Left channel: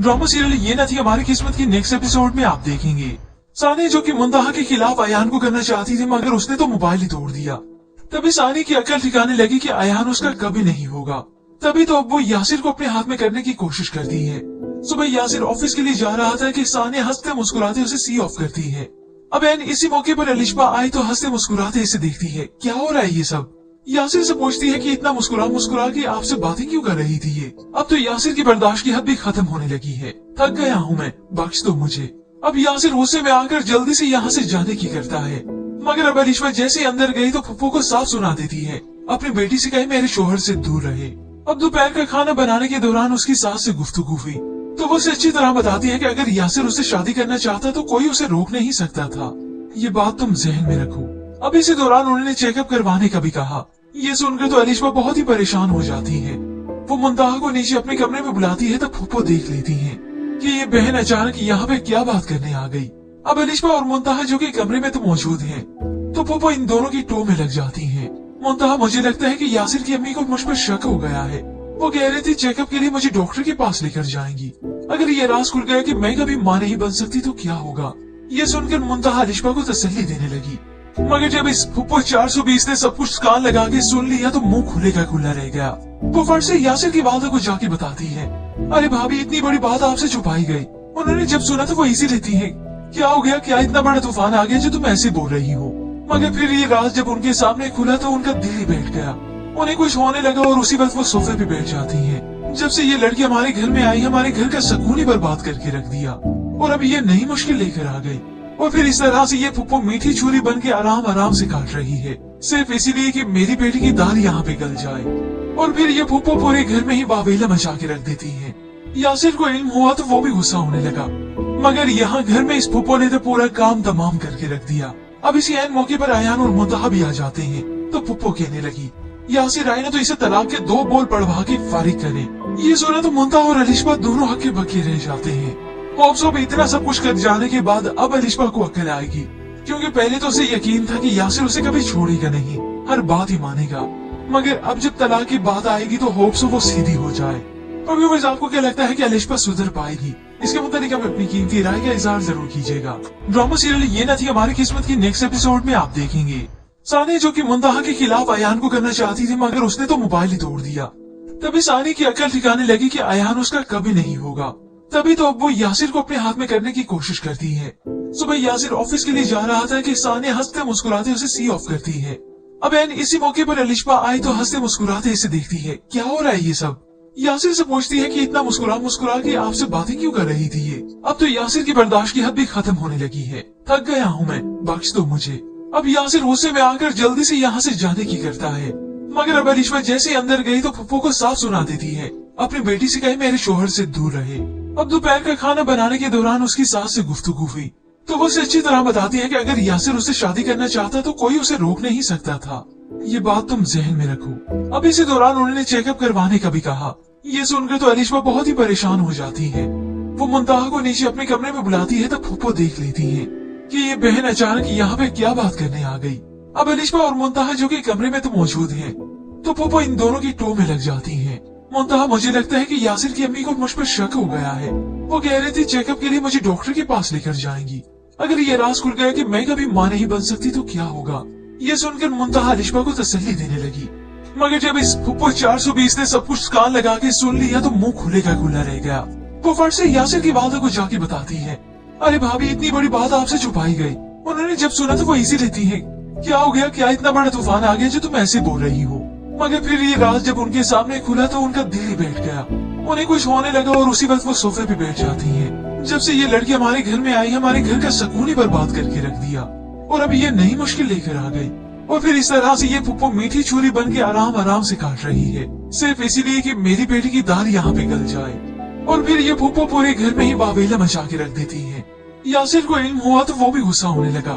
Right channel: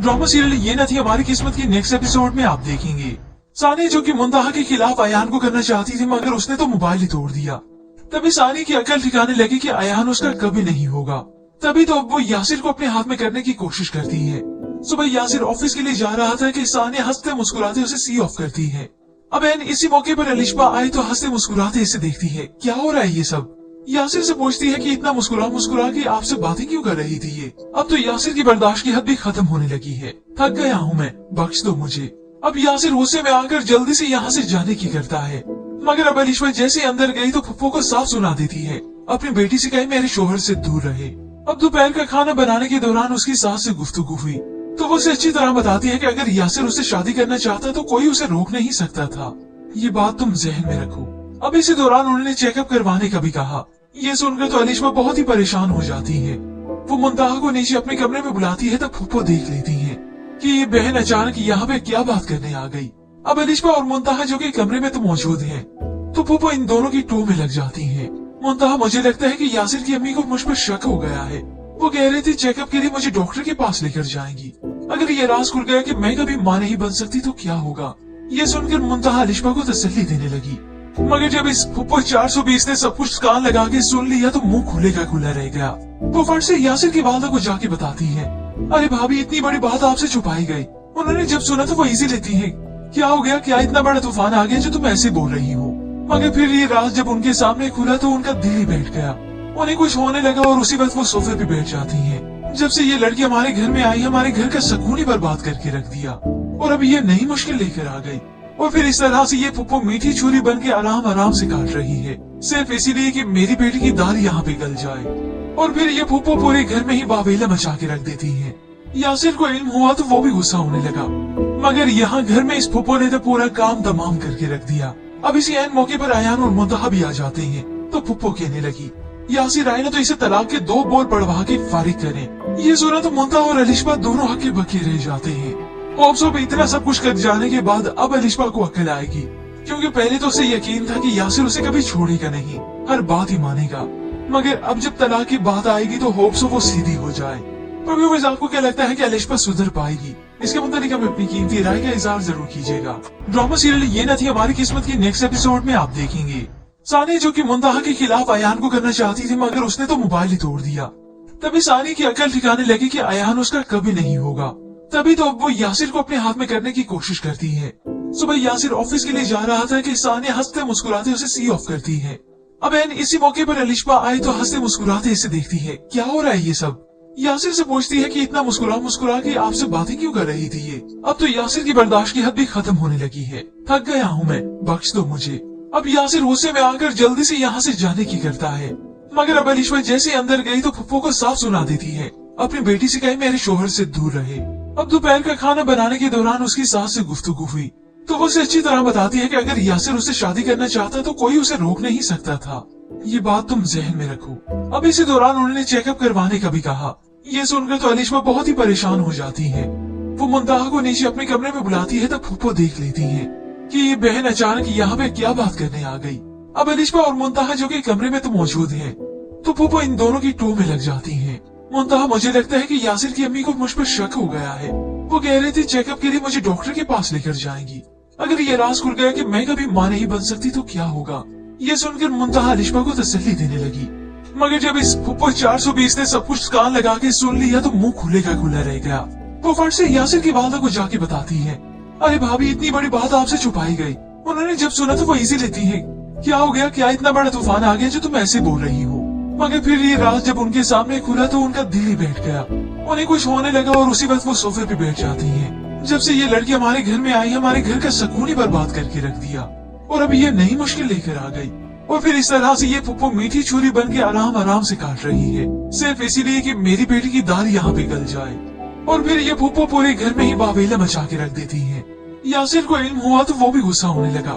Drama serial ये न थी हमारी किस्मत के नेक्स्ट एपिसोड में आप देखेंगे। सानिया जो कि मुंतहा के खिलाफ अयान को करना चाहती थी मगर उसने तो मोबाइल ही तोड़ दिया। तभी सानिया की अकल ठिकाने लगी कि अयान उसका कभी नहीं होगा। तभी तो अब वो यासिर को अपने हाथ में करने की कोशिश करती है। सुबह यासिर ऑफिस के लिए जा रहा था कि सानिया हंसते मुस्कुराते उसे सी ऑफ करती है। अब एन इसी मौके पर अलिशबा आई तो हंसते मुस्कुराते इसे देखती है। क्या हो रहा है ये सब? यासिर से पूछती है कि इतना मुस्कुरा मुस्कुरा के आपसे बातें क्यों कर रही थी ये? अब तो यासिर की बर्दाश्त की हद भी खत्म होने लगी है। थक गया हूँ मैं, बख्श दो मुझे। अब यासिर गुस्से में आकर जल्दी से यहाँ से जाने की करता है मगर अब अलिशबा जैसे अंदर गई तो फुप्पो को साफ सुना देती है। अपनी बेटी से कहे मेरे शोहर से दूर रहे। अब दोपहर का खाना बनाने के दौरान उसकी सास से गुफ्तगू हुई तो वो उसे अच्छी तरह बताती है कि अगर यासिर उससे शादी करना चाहता तो कोई उसे रोक नहीं सकता था। ये बात तुम जहन में रखो। अब इसी दौरान उन्होंने चेकअप करवाने का भी कहा। ये सुनकर तो अलिशबा बहुत ही परेशान हो जाती है। वो मुंतहा को नीचे अपने कमरे में बुलाती है तो फुप्पो देख लेती है कि ये बहन अचानक यहाँ पे क्या बात करने आ गई। अब अलिशबा और मुंतहा जो कि कमरे में तो मौजूद है तो फुप्पो इन दोनों की टो में लग जाती है। मुंतहा मुझे लगता है कि यासिर की अम्मी को मुझ पर शक हो गया है। वो कह रही थी चेकअप के लिए मुझे डॉक्टर के पास लेकर जाएंगी। अगर ये राज खुल गया कि मैं कभी मां नहीं बन सकती तो क्या होगा? ये सुनकर मुंतहा अलिशबा को तसल्ली देने लगी मगर जब इस फुप्पो 420 ने सब कुछ कान लगा के सुन लिया तो मुंह खुले का खुला रह गया। वो फट से यासिर की वालदा को जाके बताती है, अरे भाभी इतनी बड़ी बात आपसे छुपाई गई। उन्होंने जब सुना तो वो इजी लेती है, क्या हो गया? क्या इतना बड़ा तूफान आ गया जो तुम ऐसे बोल रही हो? मगर फिर ये राज जब उनके सामने खुला तो उनका दिल ही बैठ गया। उन्हें कुछ होने लगा और उसी वक्त वो सोफे पे बैठ जाती है। जब से ये लड़की हमारे घर में आई हमारे घर का सुकून ही बर्बाद करके रख दिया और अब ये नई मुश्किल लेकर आ गई। और फिर इस तरह से ये फुप्पो मीठी छुरी बन के आराम आराम से काट रही है सिर्फ इसीलिए कि मेरी बेटी की दाल यहाँ पे गल जाए। और फिर ये फुप्पो पूरे घर में ही बाबीला मचा के रख देती है। यासिर को इल्म हुआ तो वो भी गुस्सा होने लगा मगर यहाँ घर में इस फुप्पो ने तो पूरा काम तमाम करके रख दिया। अब इसी ऐन मौके पर अयान और मुंतहा भी आ जाते हैं तो फुप्पो कहने लगी, यासिर आई ने तो इसे तलाक के 2 बोल पढ़वा के फारिग करे। ये सुना तो मुंतहा और अलिशबा दोनों हक्के बक्के रह जाते हैं। पोप्सो में इतना सब कुछ कर जाने के बाद अब अलिशबा को अक्ल आएगी क्योंकि पहले तो उसे यकीन था कि यासिर उसे कभी छोड़ेगा नहीं, हर बात ही मानेगा। मगर अब जब तलाक की बात आएगी तो होप्स वो सीधी हो जाए। तो आपको क्या लगता है कि अलिशबा सुधर पाएगी? इसके मुताबिक आप अपनी कीमती राय का इज़हार जरूर कीजिएगा। ड्रामा सीरियल ये न थी हमारी किस्मत के नेक्स्ट एपिसोड में आप देखेंगे। सानिया जो कि मुंतहा के खिलाफ अयान को करना चाहती थी मगर उसने तो मोबाइल ही तोड़ दिया। तभी सानिया की अकल ठिकाने लगी कि अयान उसका कभी नहीं होगा। तभी तो अब वो यासिर को अपने हाथ में करने की कोशिश करती है। सुबह यासिर ऑफिस के लिए जा रहा था कि सानिया हंसते मुस्कुराते उसे सी ऑफ करती है। अब एन इसी मौके पर अलिशबा आई तो हंसते मुस्कुराते इसे देखती है। क्या हो रहा है ये सब? यासिर से पूछती है कि इतना मुस्कुरा मुस्कुरा के आपसे बातें क्यों कर रही थी ये? अब तो यासिर की बर्दाश्त की हद भी खत्म होने लगी है। थक गया हूँ मैं, बख्श दो मुझे। अब यासिर गुस्से में आकर जल्दी से यहाँ से जाने की करता है मगर अब अलिशबा जैसे अंदर गई तो फुप्पो को साफ सुना देती है। अपनी बेटी से कहे मेरे शोहर से दूर रहे। अब दोपहर का खाना बनाने के दौरान उसकी सास से गुफ्तगू हुई तो वो उसे अच्छी तरह बताती है कि अगर यासिर उससे शादी करना चाहता तो कोई उसे रोक नहीं सकता था। ये बात तुम जहन में रखो। अब इसी दौरान उन्होंने चेकअप करवाने का भी कहा। ये सुनकर तो अलिशबा बहुत ही परेशान हो जाती है। वो मुंतहा को नीचे अपने कमरे में बुलाती है तो फुप्पो देख लेती है कि ये बहन अचानक यहाँ पे क्या बात करने आ गई। अब अलिशबा और मुंतहा जो कि कमरे में तो मौजूद है तो फुप्पो इन दोनों की टो में लग जाती है। मुंतहा मुझे लगता है कि यासिर की अम्मी को मुझ पर शक हो गया है। वो कह रही थी चेकअप के लिए मुझे डॉक्टर के पास लेकर जाएंगी। अगर ये राज खुल गया कि मैं कभी मां नहीं बन सकती तो क्या होगा? ये सुनकर मुंतहा अलिशबा को तसल्ली देने लगी मगर जब इस फुप्पो 420 ने सब कुछ कान लगा के सुन लिया तो मुंह खुले का खुला रह गया। वो फट से यासिर की वालदा को जाके बताती है, अरे भाभी इतनी बड़ी बात आपसे छुपाई गई। उन्होंने जब सुना तो वो इजी लेती है, क्या हो गया? क्या इतना बड़ा तूफान आ गया जो तुम ऐसे बोल रही हो? मगर फिर ये राज जब उनके सामने खुला तो उनका दिल ही बैठ गया। उन्हें कुछ होने लगा और उसी वक्त वो सोफे पे बैठ जाती है। जब से ये लड़की हमारे घर में आई हमारे घर का सुकून ही बर्बाद करके रख दिया और अब ये नई मुश्किल लेकर आ गई। और फिर इस तरह से ये फुप्पो मीठी छुरी बन के आराम आराम से काट रही है सिर्फ इसीलिए कि मेरी बेटी की दाल यहाँ पे गल जाए। और फिर ये फुप्पो पूरे घर में ही बाबीला मचा के रख देती है। यासिर को इल्म हुआ तो वो भी गुस्सा होने लगा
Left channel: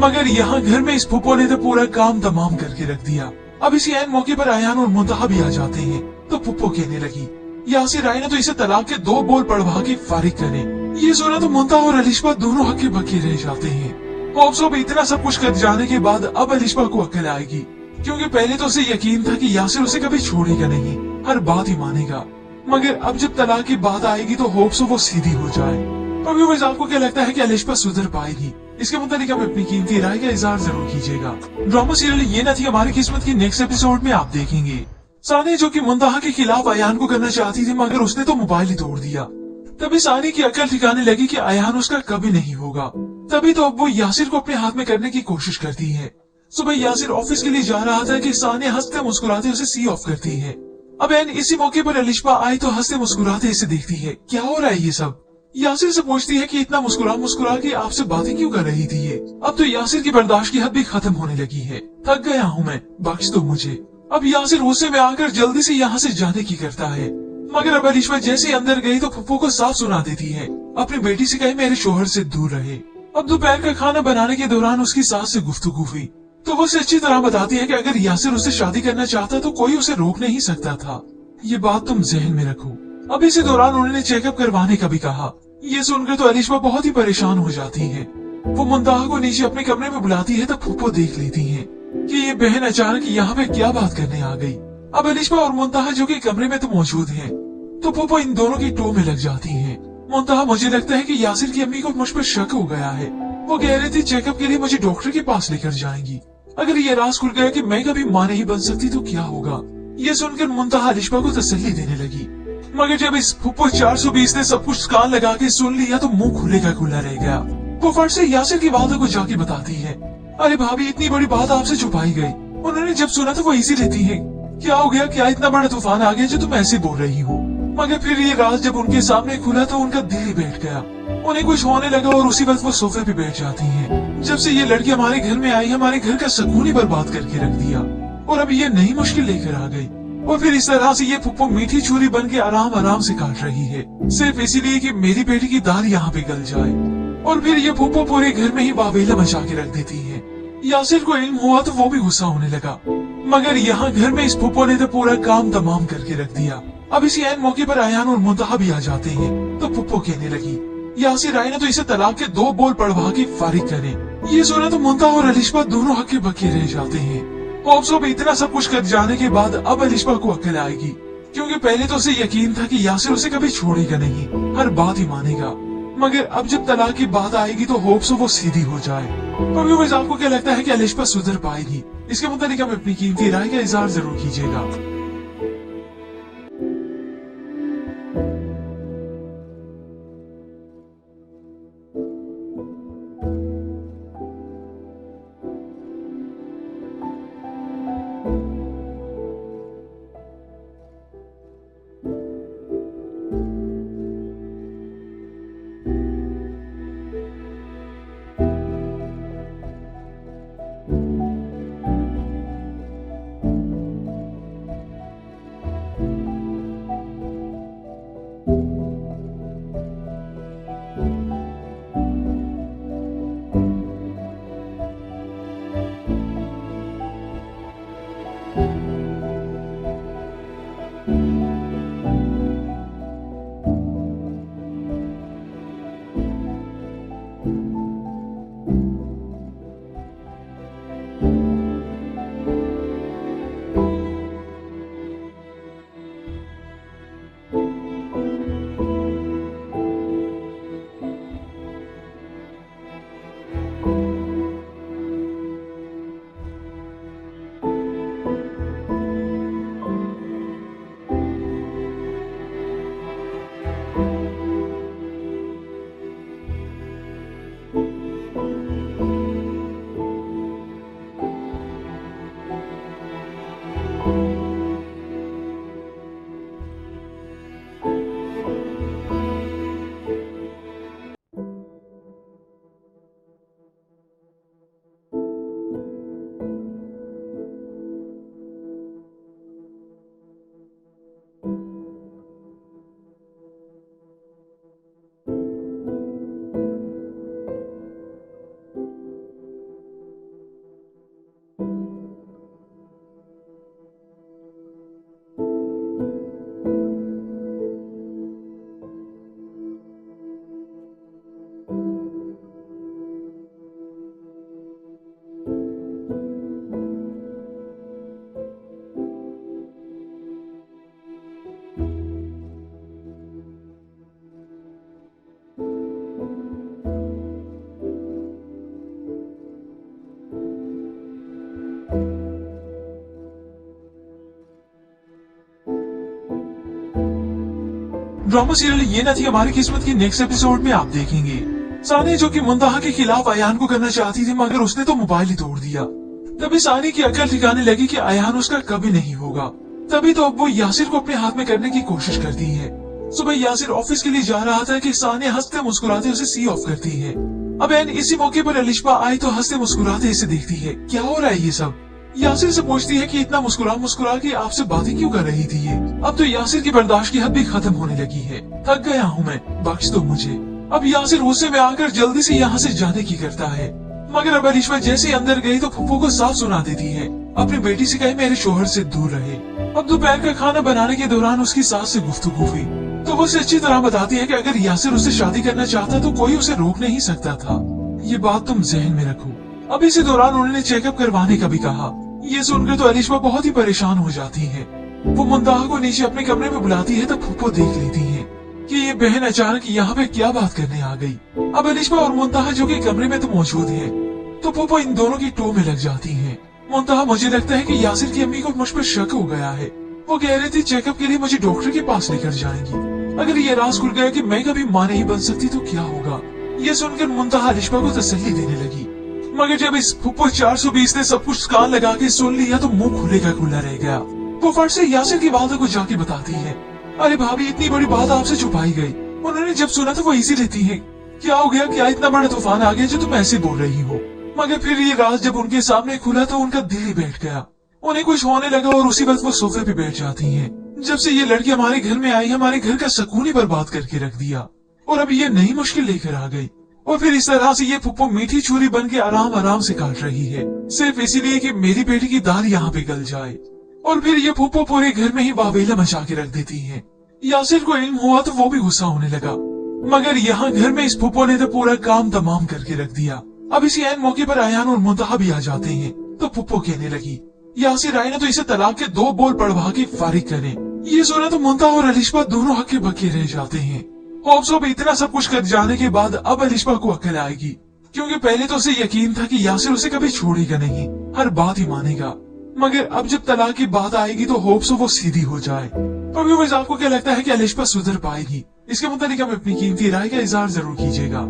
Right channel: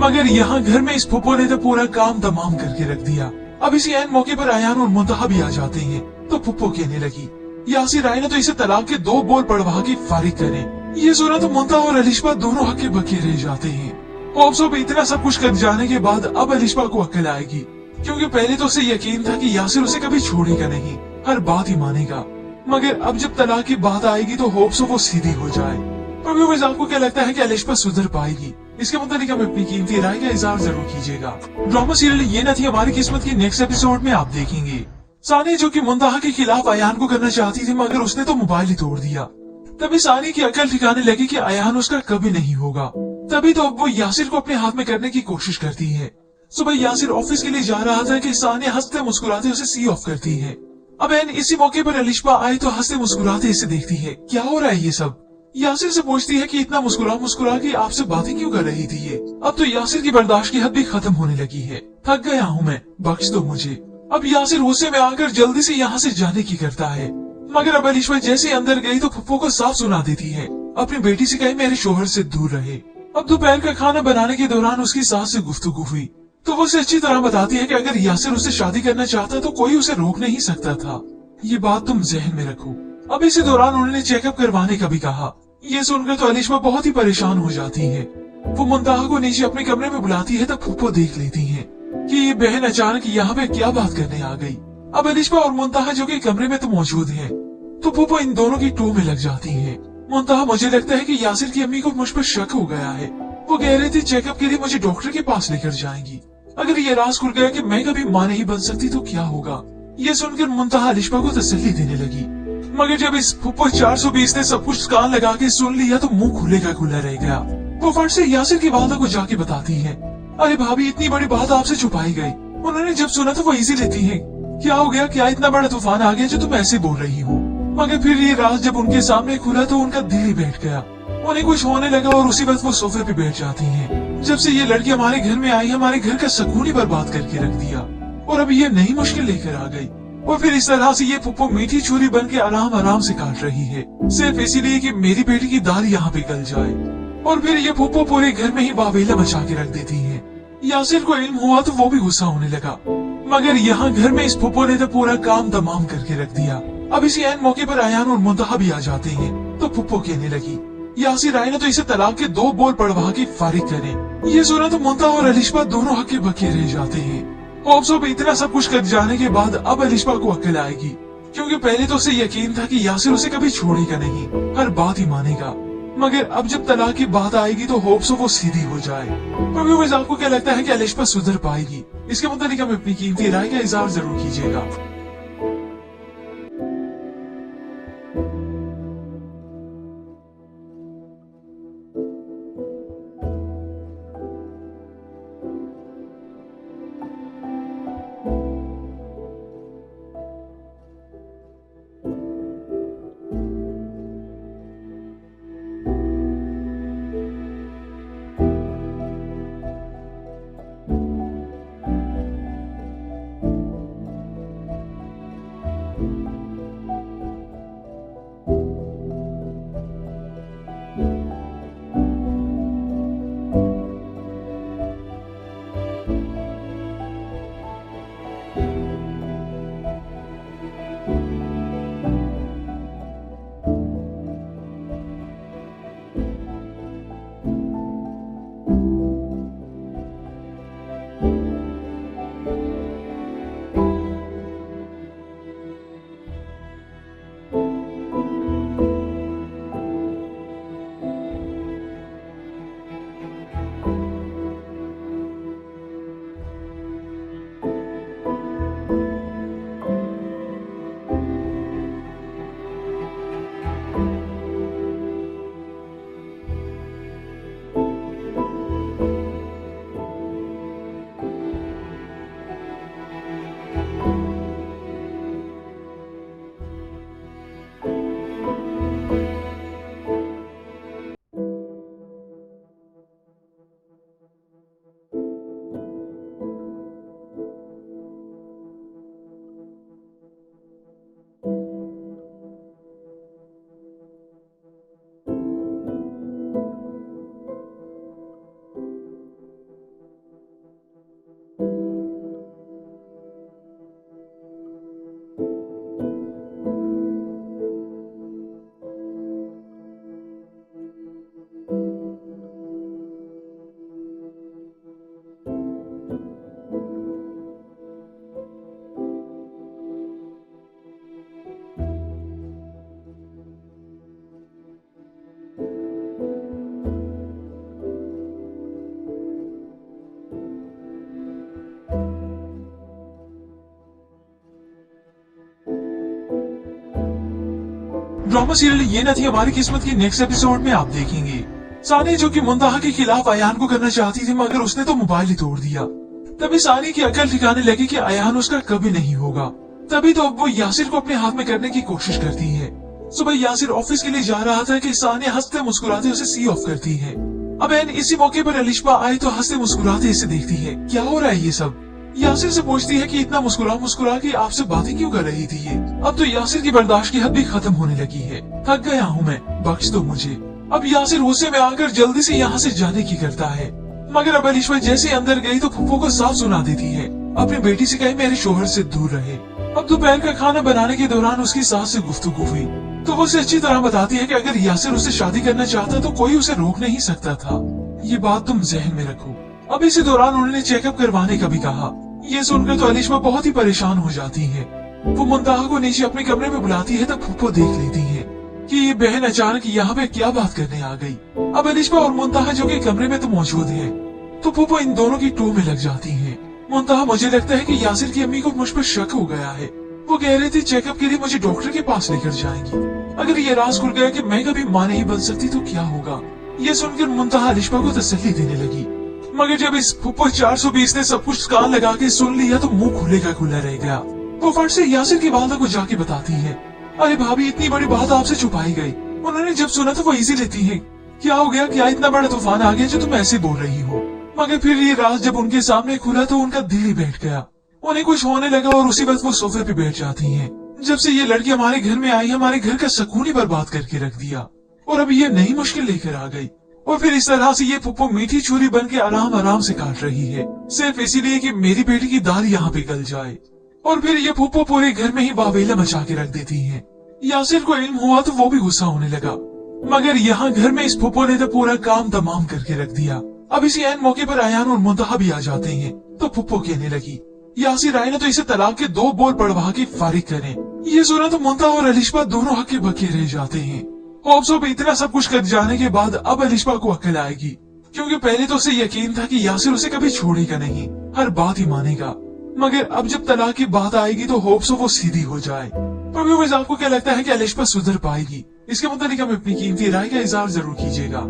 मगर यहाँ घर में इस फुप्पो ने तो पूरा काम तमाम करके रख दिया। अब इसी ऐन मौके पर अयान और मुंतहा भी आ जाते हैं तो फुप्पो कहने लगी, यासिर आई ने तो इसे तलाक के 2 बोल पढ़वा के फारिग करे। ये सुना तो मुंतहा और अलिशबा दोनों हक्के बक्के रह जाते हैं। पोप्सो में इतना सब कुछ कर जाने के बाद अब अलिशबा को अक्ल आएगी क्योंकि पहले तो उसे यकीन था कि यासिर उसे कभी छोड़ेगा नहीं, हर बात ही मानेगा। मगर अब जब तलाक की बात आएगी तो होप्स वो सीधी हो जाए। तो व्यूअर्स, आपको क्या लगता है कि अलिशबा सुधर पाएगी? इसके मुताबिक आप अपनी कीमती राय का इजहार जरूर कीजिएगा। ड्रामा सीरियल ये न थी हमारी किस्मत की नेक्स्ट एपिसोड में आप देखेंगे। सानी जो कि मुंतहा के खिलाफ अयान को करना चाहती थी, मगर उसने तो मोबाइल ही तोड़ दिया। तभी सानी की अकल ठिकाने लगी कि अयान उसका कभी नहीं होगा। तभी तो अब वो यासिर को अपने हाथ में करने की कोशिश करती है। सुबह यासिर ऑफिस के लिए जा रहा था कि सानी हंसते मुस्कुराते उसे सी ऑफ करती है। अब एन इसी मौके पर अलिशबा आई तो हंसते मुस्कुराते इसे देखती है। क्या हो रहा है ये सब? यासिर से पूछती है कि इतना मुस्कुरा मुस्कुरा के आपसे बातें क्यों कर रही थी ये? अब तो यासिर की बर्दाश्त की हद भी खत्म होने लगी है। थक गया हूँ मैं, बख्श दो मुझे। अब यासिर गुस्से में आकर जल्दी से यहाँ से जाने की करता है, मगर अब अलिशबा जैसे अंदर गई तो फुप्पो को साफ सुना देती है। अपनी बेटी से कहे मेरे शोहर से दूर रहे। अब दोपहर का खाना बनाने के दौरान उसकी सास से गुफ्तगू हुई तो वो उसे अच्छी तरह बताती है कि अगर यासिर उससे शादी करना चाहता तो कोई उसे रोक नहीं सकता था। ये बात तुम जहन में रखो। अब इसी दौरान उन्होंने चेकअप करवाने का भी कहा। ये सुनकर तो अलिशबा बहुत ही परेशान हो जाती है। वो मुंतहा को नीचे अपने कमरे में बुलाती है तो फुप्पो देख लेती है कि ये बहन अचानक यहाँ पे क्या बात करने आ गई। अब अलिशबा और मुंतहा जो कि कमरे में तो मौजूद है, तो फुप्पो इन दोनों की टू में लग जाती है। मुंतहा, मुझे लगता है कि यासिर की अम्मी को मुझ पर शक हो गया है। वो कह रही थी चेकअप के लिए मुझे डॉक्टर के पास लेकर जाएंगी। अगर ये राज खुल गया कि मैं कभी मां नहीं बन सकती तो क्या होगा? ये सुनकर मुंतहा अलिशबा को तसल्ली देने लगी, मगर जब इस फुप्पो 420 ने सब कुछ कान लगा के सुन लिया तो मुंह खुले का खुला रह गया। वो फट से यासिर की वालदा को जाके बताती है, अरे भाभी, इतनी बड़ी बात आपसे छुपाई गई। उन्होंने जब सुना तो वो इजी लेती है। क्या हो गया? क्या इतना बड़ा तूफान आ गया जो तुम ऐसे बोल रही हो? मगर फिर ये राज जब उनके सामने खुला तो उनका दिल ही बैठ गया। उन्हें कुछ होने लगा और उसी वक्त वो सोफे पे बैठ जाती हैं। जब से ये लड़की हमारे घर में आई, हमारे घर का सुकून ही बर्बाद करके रख दिया और अब ये नई मुश्किल लेकर आ गई। और फिर इस तरह से ये फुप्पो मीठी छुरी बन के आराम आराम से काट रही है, सिर्फ इसीलिए कि मेरी बेटी की दाल यहाँ पे गल जाए। और फिर ये फुप्पो पूरे घर में ही बाबीला मचा के रख देती है। यासिर को इल्म हुआ तो वो भी गुस्सा होने लगा, मगर यहाँ घर में इस फुप्पो ने तो पूरा काम तमाम करके रख दिया। अब इसी ऐन मौके पर अयान और मुंतहा भी आ जाते हैं तो फुप्पो कहने लगी, यासिर आए ना तो इसे तलाक के 2 बोल पढ़वा के फारिग करे। ये सुना तो मुंतहा और अलिशबा दोनों हक्के बक्के रह जाते हैं। होप्सो भी इतना सब कुछ कर जाने के बाद अब अलिशबा को अक्ल आएगी, क्योंकि पहले तो उसे यकीन था कि यासिर उसे कभी छोड़ेगा नहीं, हर बात ही मानेगा। मगर अब जब तलाक की बात आएगी तो होप्सो वो सीधी हो जाए। तो व्यूअर्स, आपको क्या लगता है कि अलिशबा सुधर पाएगी? इसके मुताबिक आप अपनी कीमती राय का इजहार जरूर कीजिएगा। ड्रामा सीरियल ये न थी हमारी किस्मत के नेक्स्ट एपिसोड में आप देखेंगे। सानी जो कि मुंतहा के खिलाफ अयान को करना चाहती थी मगर उसने तो मोबाइल ही तोड़ दिया। तभी सानी की अकल ठिकाने लगी कि अयान उसका कभी नहीं होगा। तभी तो अब वो यासिर को अपने हाथ में करने की कोशिश करती है। सुबह यासिर ऑफिस के लिए जा रहा था कि सानी हंसते मुस्कुराते उसे सी ऑफ करती है। अब एन इसी मौके पर अलिशबा आई तो हंसते मुस्कुराते इसे देखती है। क्या हो रहा है ये सब? यासिर से पूछती है कि इतना मुस्कुरा मुस्कुरा के आपसे बातें क्यों कर रही थी ये? अब तो यासिर की बर्दाश्त की हद भी खत्म होने लगी है। थक गया हूँ मैं, बख्श दो मुझे। अब यासिर गुस्से में आकर जल्दी से यहाँ से जाने की करता है मगर अब अलिशबा जैसे अंदर गई तो फुप्पो को साफ सुना देती है। अपनी बेटी से कहे मेरे शोहर से दूर रहे। अब दोपहर का खाना बनाने के दौरान उसकी सास से गुफ्तगू हुई तो वो उसे अच्छी तरह बताती है कि अगर यासिर उससे शादी करना चाहता तो कोई उसे रोक नहीं सकता था। ये बात तुम जहन में रखो। अब इसी दौरान उन्होंने चेकअप करवाने का भी कहा। ये सुनकर तो अलिशबा बहुत ही परेशान हो जाती है। वो मुंतहा को नीचे अपने कमरे में बुलाती है तो फुप्पो देख लेती है कि ये बहन अचानक यहाँ पे क्या बात करने आ गई। अब अलिशबा और मुंतहा जो कि कमरे में तो मौजूद है तो फुप्पो इन दोनों की टू में लग जाती है। मुंतहा मुझे लगता है कि यासिर की अम्मी को मुझ पर शक हो गया है। वो कह रही थी चेकअप के लिए मुझे डॉक्टर के पास लेकर जाएंगी। अगर ये राज खुल गया कि मैं कभी मां नहीं बन सकती तो क्या होगा? ये सुनकर मुंतहा अलिशबा को तसल्ली देने लगी मगर जब इस फुप्पो 420 ने सब कुछ कान लगा के सुन लिया तो मुंह खुले का खुला रह गया। वो फट से यासिर की वालदा को जाके बताती है, अरे भाभी इतनी बड़ी बात आपसे छुपाई गई। उन्होंने जब सुना तो वो इजी लेती है। क्या हो गया? क्या इतना बड़ा तूफान आ गया जो तुम ऐसे बोल रही हो? मगर फिर ये राज जब उनके सामने खुला तो उनका दिल ही बैठ गया। उन्हें कुछ होने लगा और उसी वक्त वो सोफे पे बैठ जाती हैं। जब से ये लड़की हमारे घर में आई हमारे घर का सुकून ही बर्बाद करके रख दिया और अब ये नई मुश्किल लेकर आ गई। और फिर इस तरह से ये फुप्पो मीठी छुरी बन के आराम आराम से काट रही है सिर्फ इसीलिए कि मेरी बेटी की दाल यहाँ पे गल जाए। और फिर ये फुप्पो पूरे घर में ही वावेला मचा के रख देती है। यासिर को इल्म हुआ तो वो भी गुस्सा होने लगा मगर यहाँ घर में इस फुप्पो ने तो पूरा काम तमाम करके रख दिया। अब इसी ऐन मौके पर अयान और मुंतहा भी आ जाते हैं तो फुप्पो कहने लगी, यासिर आए ना तो इसे तलाक के 2 बोल पढ़वा के फारिग करें। ये सुना तो मुंतहा और अलिशबा दोनों हक्के बक्के रह जाते हैं। होप्सो भी इतना सब कुछ कर जाने के बाद अब अलिशबा को अक्ल आएगी क्योंकि पहले तो उसे यकीन था कि यासिर उसे कभी छोड़ेगा नहीं, हर बात ही मानेगा। मगर अब जब तलाक की बात आएगी तो होप्सो वो सीधी हो जाए। तो व्यूअर्स आपको क्या लगता है कि अलिशबा सुधर पाएगी? इसके मुताबिक हमें अपनी कीमती राय का इजहार जरूर कीजिएगा।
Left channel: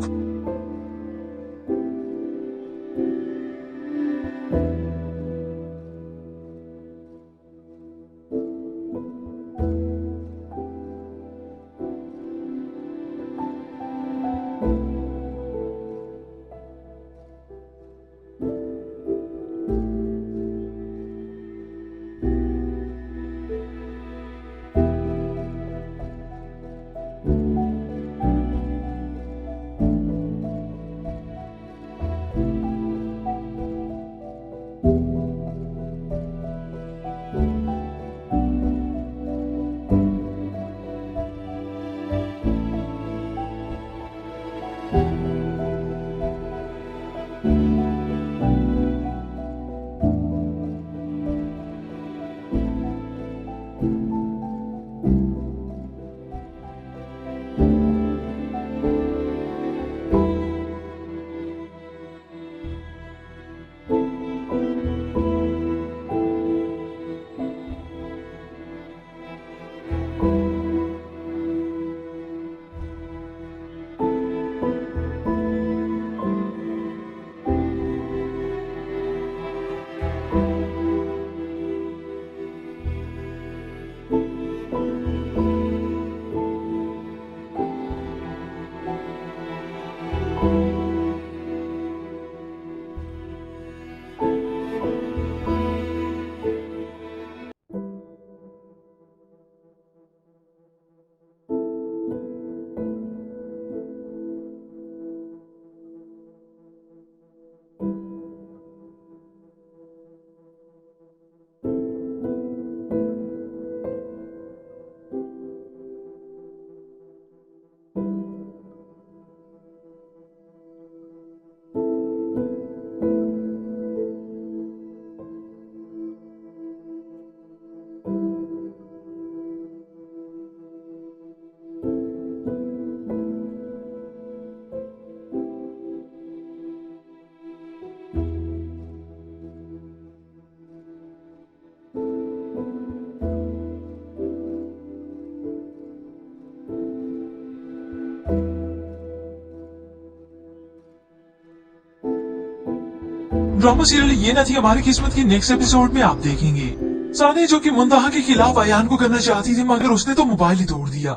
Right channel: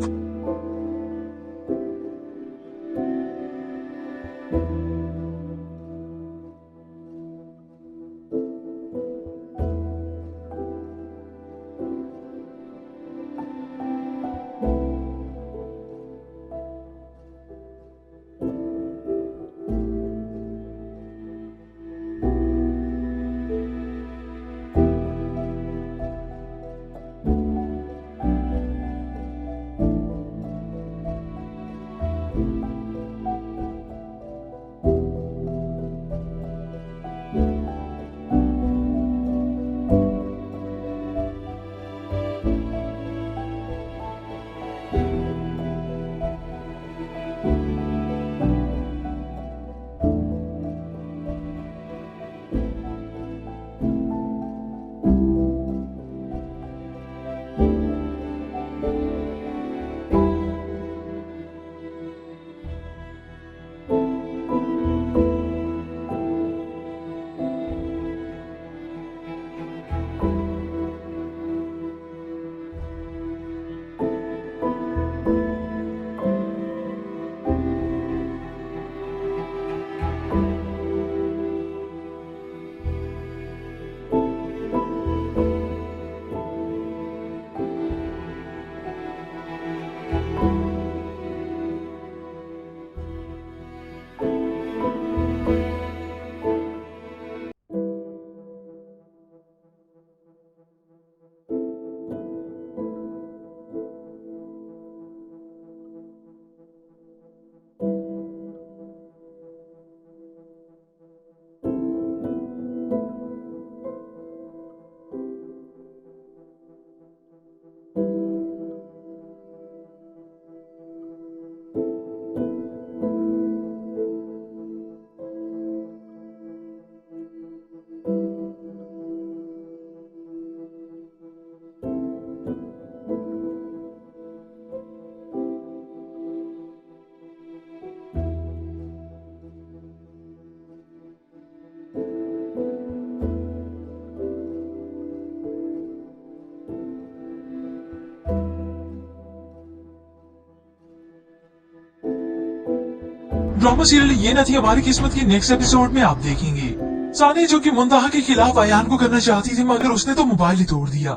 ड्रामा सीरियल ये न थी हमारी किस्मत के नेक्स्ट एपिसोड में आप देखेंगे। सानी जो कि मुंतहा के खिलाफ अयान को करना चाहती थी मगर उसने तो मोबाइल ही तोड़ दिया।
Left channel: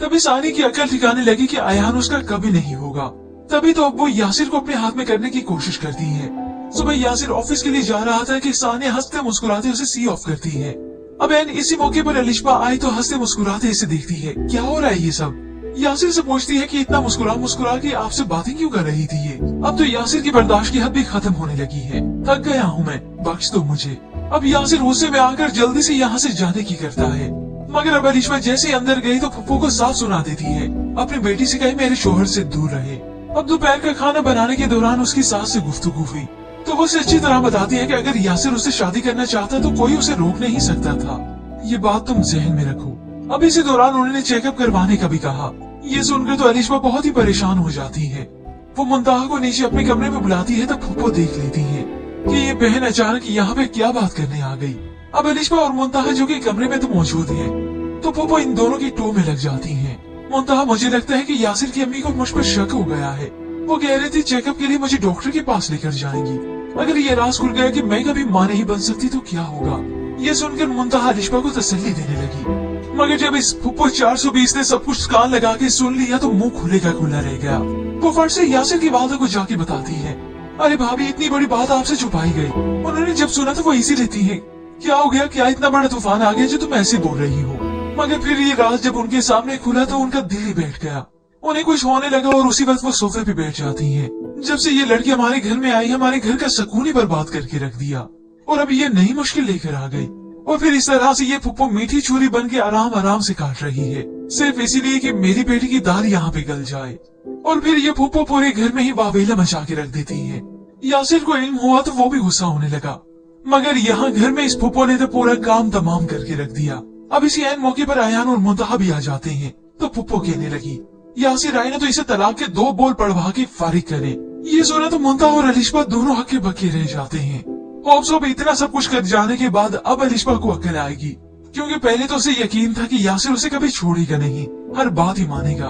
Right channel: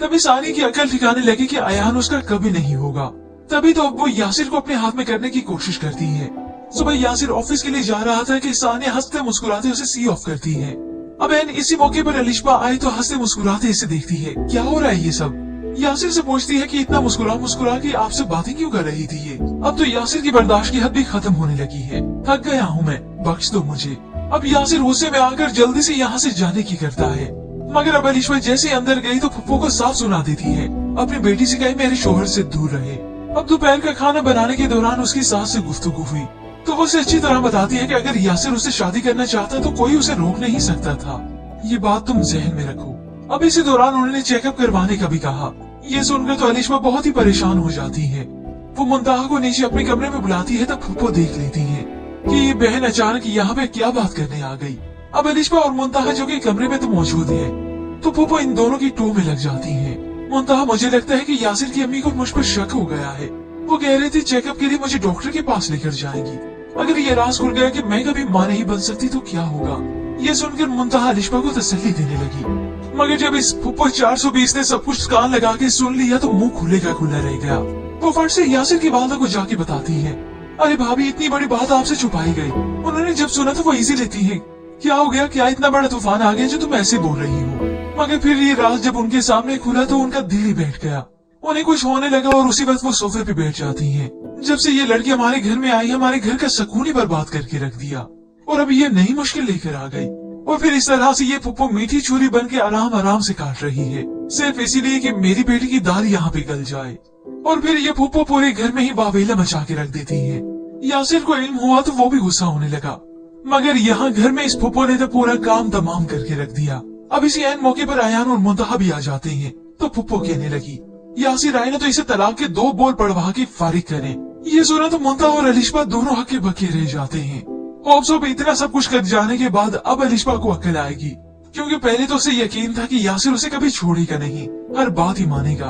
तभी सानी की अकल ठिकाने लगी कि अयान उसका कभी नहीं होगा। तभी तो अब वो यासिर को अपने हाथ में करने की कोशिश करती है। सुबह यासिर ऑफिस के लिए जा रहा था कि सानी हंसते मुस्कुराते उसे सी ऑफ करती है। अब एन इसी मौके पर अलिशबा आई तो हंसते मुस्कुराते इसे देखती है। क्या हो रहा है ये सब? यासिर से पूछती है कि इतना मुस्कुरा के आपसे बातें क्यों कर रही थी ये? अब तो यासिर की बर्दाश्त की हद भी खत्म होने लगी है। थक गया हूँ मैं, बख्श दो मुझे। अब यासिर गुस्से में आकर जल्दी से यहाँ से जाने की करता है। मगर अब अलिशबा जैसे अंदर गई तो फुप्पो को साफ सुना देती है। अपनी बेटी से कहे मेरे शोहर से दूर रहे। अब दोपहर का खाना बनाने के दौरान उसकी सास से गुफ्तगू हुई तो वो उसे अच्छी तरह बताती है कि अगर यासिर उससे शादी करना चाहता तो कोई उसे रोक नहीं सकता था। ये बात तुम जहन में रखो। अब इसी दौरान उन्होंने चेकअप करवाने का भी कहा। ये सुनकर तो अलिशबा बहुत ही परेशान हो जाती है। वो मुंतहा को नीचे अपने कमरे में बुलाती है तो फुप्पो देख लेती है कि ये बहन अचानक यहाँ पे क्या बात करने आ गई। अब अलिशबा और मुंतहा जो कि कमरे में तो मौजूद है तो फुप्पो इन दोनों की टू में लग जाती है। मुंतहा मुझे लगता है कि यासिर की अम्मी को मुझ पर शक हो गया है। वो कह रही थी चेकअप के लिए मुझे डॉक्टर के पास लेकर जाएंगी। अगर ये राज खुल गया कि मैं कभी मां नहीं बन सकती तो क्या होगा? ये सुनकर मुंतहा अलिशबा को तसल्ली देने लगी। मगर जब इस फुप्पो 420 ने सब कुछ कान लगा के सुन लिया तो मुंह खुले का खुला रह गया। वो फट से यासिर की वालदा को जाके बताती है, अरे भाभी इतनी बड़ी बात आपसे छुपाई गई। उन्होंने जब सुना तो वो इजी लेती है। क्या हो गया? क्या इतना बड़ा तूफान आ गया जो तुम ऐसे बोल रही हो? मगर फिर ये राज जब उनके सामने खुला तो उनका दिल ही बैठ गया। उन्हें कुछ होने लगा और उसी वक्त वो सोफे पे बैठ जाती है। जब से ये लड़की हमारे घर में आई हमारे घर का सुकून ही बर्बाद करके रख दिया और अब ये नई मुश्किल लेकर आ गई। और फिर इस तरह से ये फुप्पो मीठी छुरी बन के आराम आराम से काट रही है सिर्फ इसीलिए कि मेरी बेटी की दाल यहाँ पे गल जाए। और फिर ये फुप्पो पूरे घर में ही वावेला मचा के रख देती है। यासिर को इल्म हुआ तो वो भी गुस्सा होने लगा मगर यहाँ घर में इस फुप्पो ने तो पूरा काम तमाम करके रख दिया। अब इसी ऐन मौके पर अयान और मुंतहा भी आ जाते हैं तो फुप्पो कहने लगी, यासिर आई ने तो इसे तलाक के 2 बोल पढ़वा के फारिग करे। ये सुना तो मुंतहा और अलिशबा दोनों हक्के बक्के रह जाते हैं। होप्सो भी इतना सब कुछ कर जाने के बाद अब अलिशबा को अक्ल आएगी क्योंकि पहले तो उसे यकीन था कि यासिर उसे कभी छोड़ेगा नहीं, हर बात ही मानेगा।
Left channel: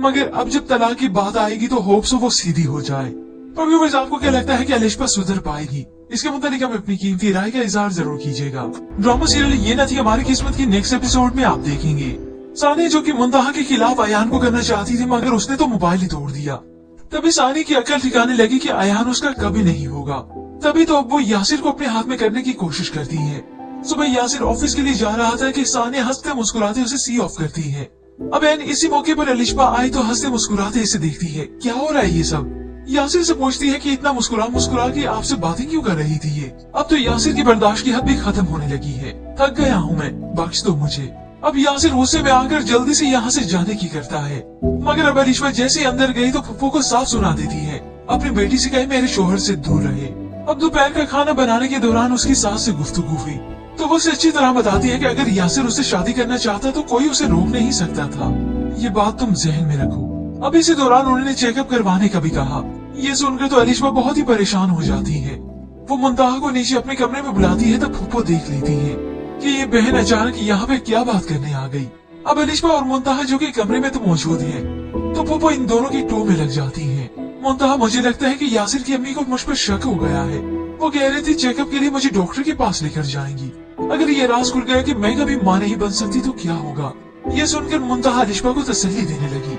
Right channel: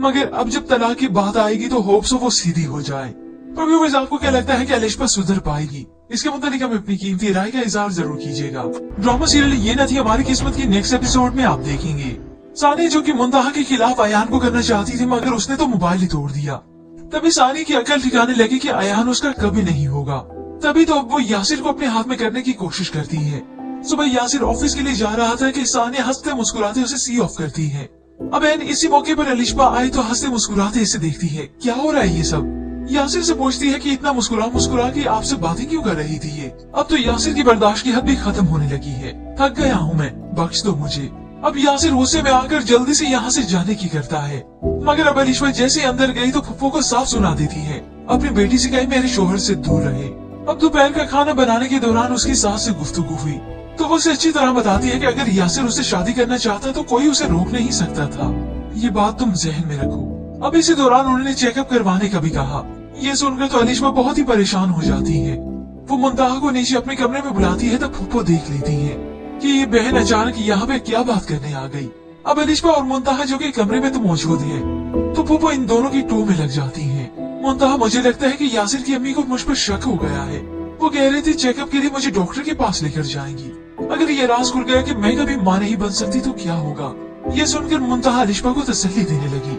मगर अब जब तलाक की बात आएगी तो होप्सो वो सीधी हो जाए। तो व्यूअर्स आपको क्या लगता है कि अलिशबा सुधर पाएगी? इसके मुताबिक आप अपनी कीमती राय का इजहार जरूर कीजिएगा। ड्रामा सीरियल ये न थी हमारी किस्मत के नेक्स्ट एपिसोड में आप देखेंगे। सानी जो कि मुंतहा के खिलाफ अयान को करना चाहती थी मगर उसने तो मोबाइल ही तोड़ दिया। तभी सानी की अकल ठिकाने लगी कि अयान उसका कभी नहीं होगा। तभी तो अब वो यासिर को अपने हाथ में करने की कोशिश करती है। सुबह यासिर ऑफिस के लिए जा रहा था कि सानी हंसते मुस्कुराते उसे सी ऑफ करती है। अब एन इसी मौके पर अलिशबा आई तो हंसते मुस्कुराते इसे देखती है। क्या हो रहा है ये सब? यासिर से पूछती है कि इतना मुस्कुरा के आपसे बातें क्यों कर रही थी ये? अब तो यासिर की बर्दाश्त की हद भी खत्म होने लगी है। थक गया हूँ मैं, बख्श दो मुझे। अब यासिर गुस्से में आकर जल्दी से यहाँ से जाने की करता है। मगर अब अलिशबा जैसे अंदर गई तो फुप्पो को साफ सुना देती है। अपनी बेटी से कहे मेरे शोहर से दूर रहे। अब दोपहर का खाना बनाने के दौरान उसकी सास से गुफ्तगू हुई तो वो उसे अच्छी तरह बताती है कि अगर यासिर उससे शादी करना चाहता तो कोई उसे रोक नहीं सकता था। ये बात तुम जहन में रखो। अब इसी दौरान उन्होंने चेकअप करवाने का भी कहा। ये सुनकर तो अलिशबा बहुत ही परेशान हो जाती है। वो मुंतहा को नीचे अपने कमरे में बुलाती है तो फुप्पो देख लेती है कि ये बहन अचानक यहाँ पे क्या बात करने आ गई। अब अलिशबा और मुंतहा जो कि कमरे में तो मौजूद है तो फुप्पो इन दोनों की टू में लग जाती है। मुंतहा मुझे लगता है कि यासिर की अम्मी को मुझ पर शक हो गया है। वो कह रही थी चेकअप के लिए मुझे डॉक्टर के पास लेकर जाएंगी। अगर ये राज खुल गया कि मैं कभी मां नहीं बन सकती तो क्या होगा? ये सुनकर मुंतहा अलिशबा को तसल्ली देने लगी।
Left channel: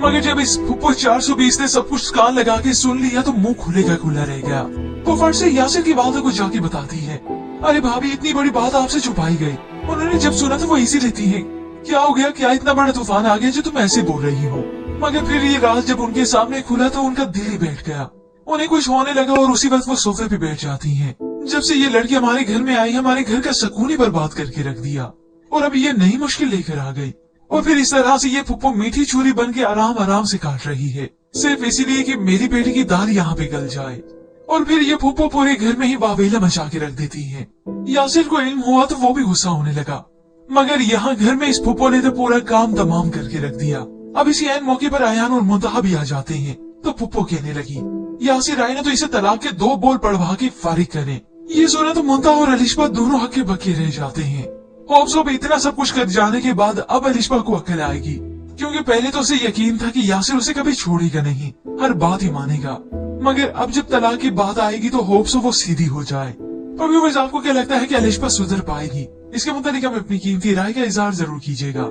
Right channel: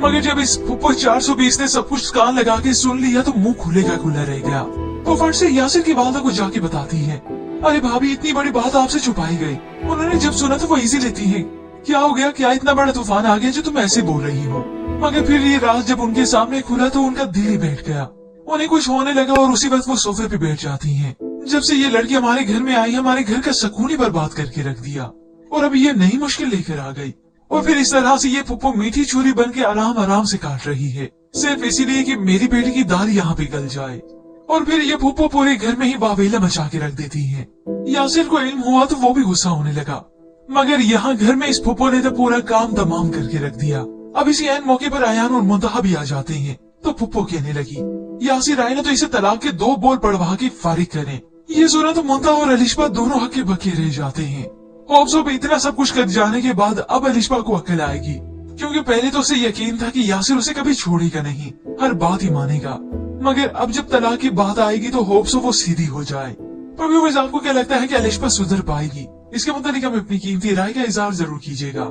मगर जब इस फुप्पो 420 ने सब कुछ कान लगा के सुन लिया तो मुंह खुले का खुला रह गया। वो फट से यासिर की वालदा को जाके बताती है, अरे भाभी इतनी बड़ी बात आपसे छुपाई गई। उन्होंने जब सुना तो वो इजी लेती है। क्या हो गया? क्या इतना बड़ा तूफान आ गया जो तुम ऐसे बोल रही हो? मगर फिर ये राज जब उनके सामने खुला तो उनका दिल ही बैठ गया। उन्हें कुछ होने लगा और उसी वक्त वो सोफे पे बैठ जाती हैं। जब से ये लड़की हमारे घर में आई हमारे घर का सुकून ही बर्बाद करके रख दिया और अब ये नई मुश्किल लेकर आ गई। और फिर इस तरह से ये फुप्पो मीठी छुरी बन के आराम आराम से काट रही है सिर्फ इसीलिए कि मेरी बेटी की दाल यहाँ पे गल जाए। और फिर ये फुप्पो पूरे घर में ही वावेला मचा के रख देती है। यासिर को इल्म हुआ तो वो भी गुस्सा होने लगा मगर यहाँ घर में इस फुप्पो ने तो पूरा काम तमाम करके रख दिया। अब इसी ऐन मौके पर अयान और मुंतहा भी आ जाते हैं तो फुप्पो कहने लगी, यासिर आई ने तो इसे तलाक के 2 बोल पढ़वा के फारिग करे। ये सुना तो मुंतहा और अलिशबा दोनों हक्के बक्के रह जाते हैं। होप्सो भी इतना सब कुछ कर जाने के बाद अब अलिशबा को अक्ल आएगी क्योंकि पहले तो उसे यकीन था कि यासिर उसे कभी छोड़ेगा नहीं, हर बात ही मानेगा। मगर अब जब तलाक की बात आएगी तो होप्स वो सीधी हो जाए। पर व्यूअर्स, आपको क्या लगता है कि अलिशबा सुधर पाएगी? इसके मुताबिक आप अपनी कीमती राय का इजहार जरूर कीजिएगा।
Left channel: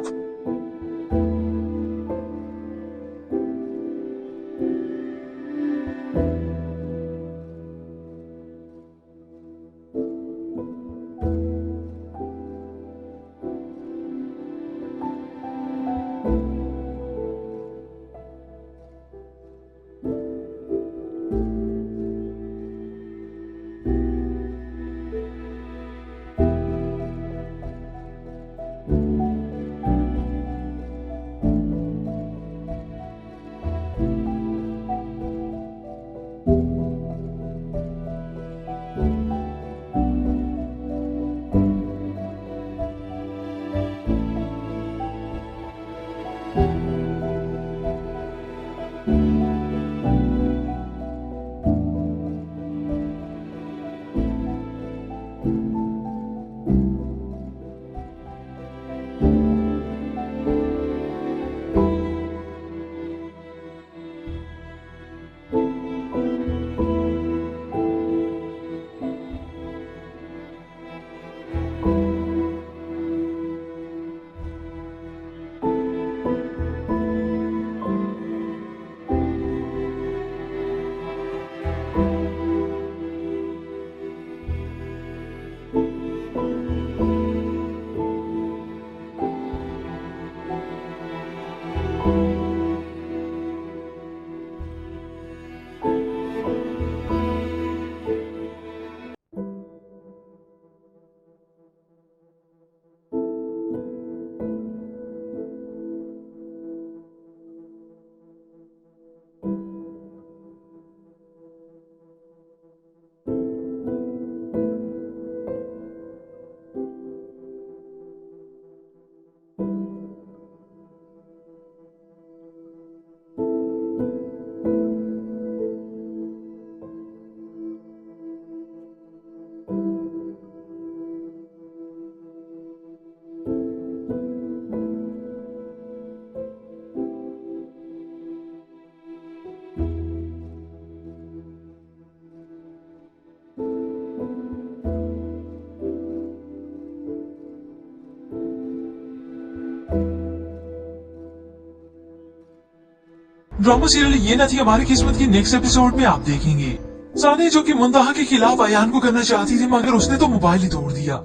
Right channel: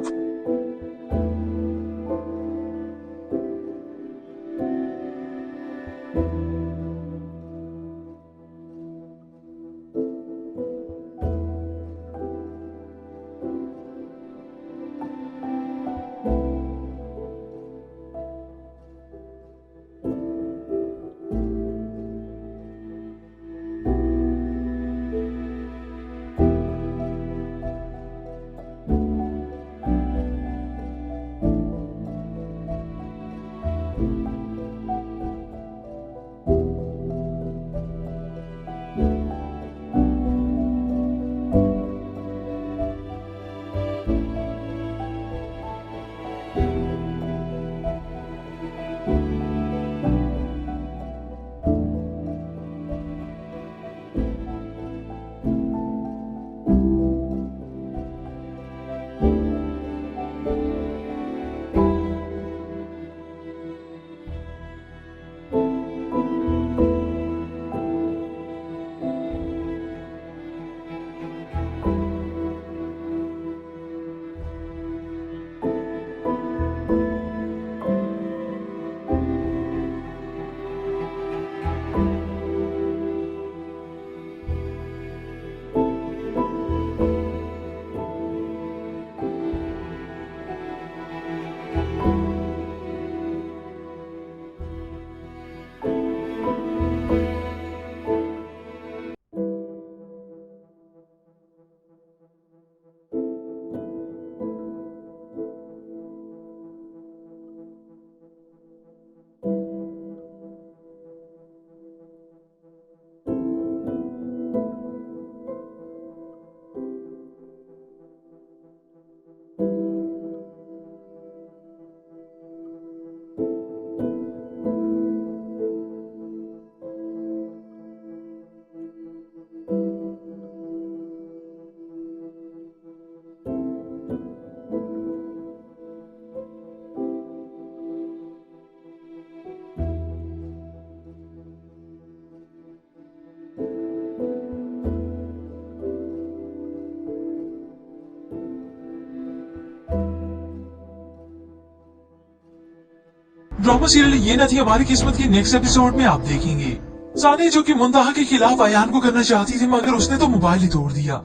ड्रामा सीरियल ये न थी हमारी किस्मत की नेक्स्ट एपिसोड में आप देखेंगे। सानी जो कि मुंतहा के खिलाफ अयान को करना चाहती थी, मगर उसने तो मोबाइल ही तोड़ दिया।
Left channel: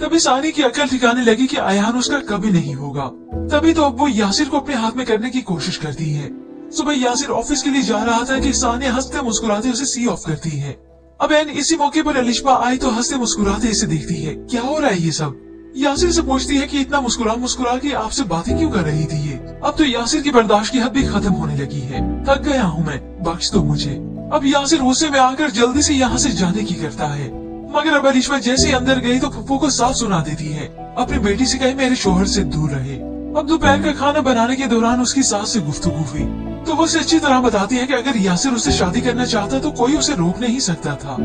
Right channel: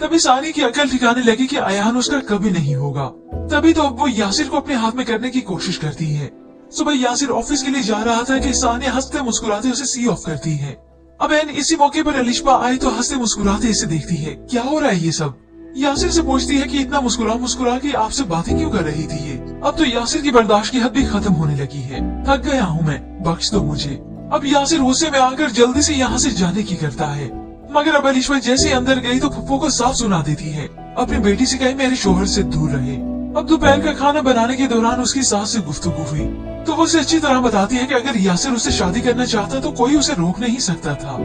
तभी सानी की अकल ठिकाने लगी कि अयान उसका कभी नहीं होगा। तभी तो अब वो यासिर को अपने हाथ में करने की कोशिश करती है। सुबह यासिर ऑफिस के लिए जा रहा था कि सानी हंसते मुस्कुराते उसे सी ऑफ करती है। अब एन इसी मौके पर अलिशबा आई तो हंसते मुस्कुराते इसे देखती है। क्या हो रहा है ये सब? यासिर से पूछती है कि इतना मुस्कुरा मुस्कुरा के आपसे बातें क्यों कर रही थी ये? अब तो यासिर की बर्दाश्त की हद भी खत्म होने लगी है। थक गया हूँ मैं, बख्श दो मुझे। अब यासिर गुस्से में आकर जल्दी से यहाँ से जाने की करता है, मगर अब अलिशबा जैसे अंदर गई तो फुप्पो को साफ सुना देती है। अपनी बेटी से कहे मेरे शोहर से दूर रहे। अब दोपहर का खाना बनाने के दौरान उसकी सास से गुफ्तगू हुई तो वो उसे अच्छी तरह बताती है कि अगर यासिर उससे शादी करना चाहता तो कोई उसे रोक नहीं सकता था।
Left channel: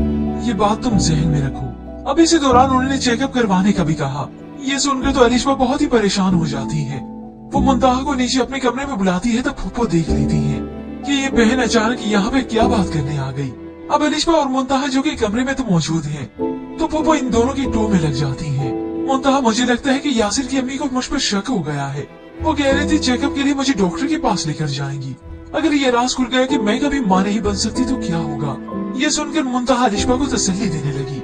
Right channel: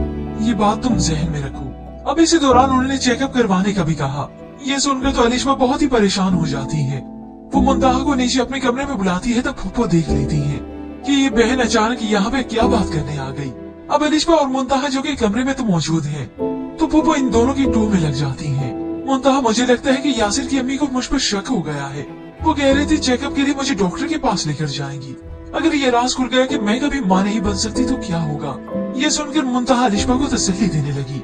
ये बात तुम जहन में रखो। अब इसी दौरान उन्होंने चेकअप करवाने का भी कहा। ये सुनकर तो अलिशबा बहुत ही परेशान हो जाती है। वो मुंतहा को नीचे अपने कमरे में बुलाती है तो फुप्पो देख लेती है कि ये बहन अचानक यहाँ पे क्या बात करने आ गई। अब अलिशबा और मुंतहा जो कि कमरे में तो मौजूद है, तो फुप्पो इन दोनों की टू में लग जाती है। मुंतहा मुझे लगता है कि यासिर की अम्मी को मुझ पर शक हो गया है। वो कह रही थी चेकअप के लिए मुझे डॉक्टर के पास लेकर जाएंगी। अगर ये राज खुल गया कि मैं कभी माँ नहीं बन सकती तो क्या होगा? ये सुनकर मुंतहा अलिशबा को तसल्ली देने लगी,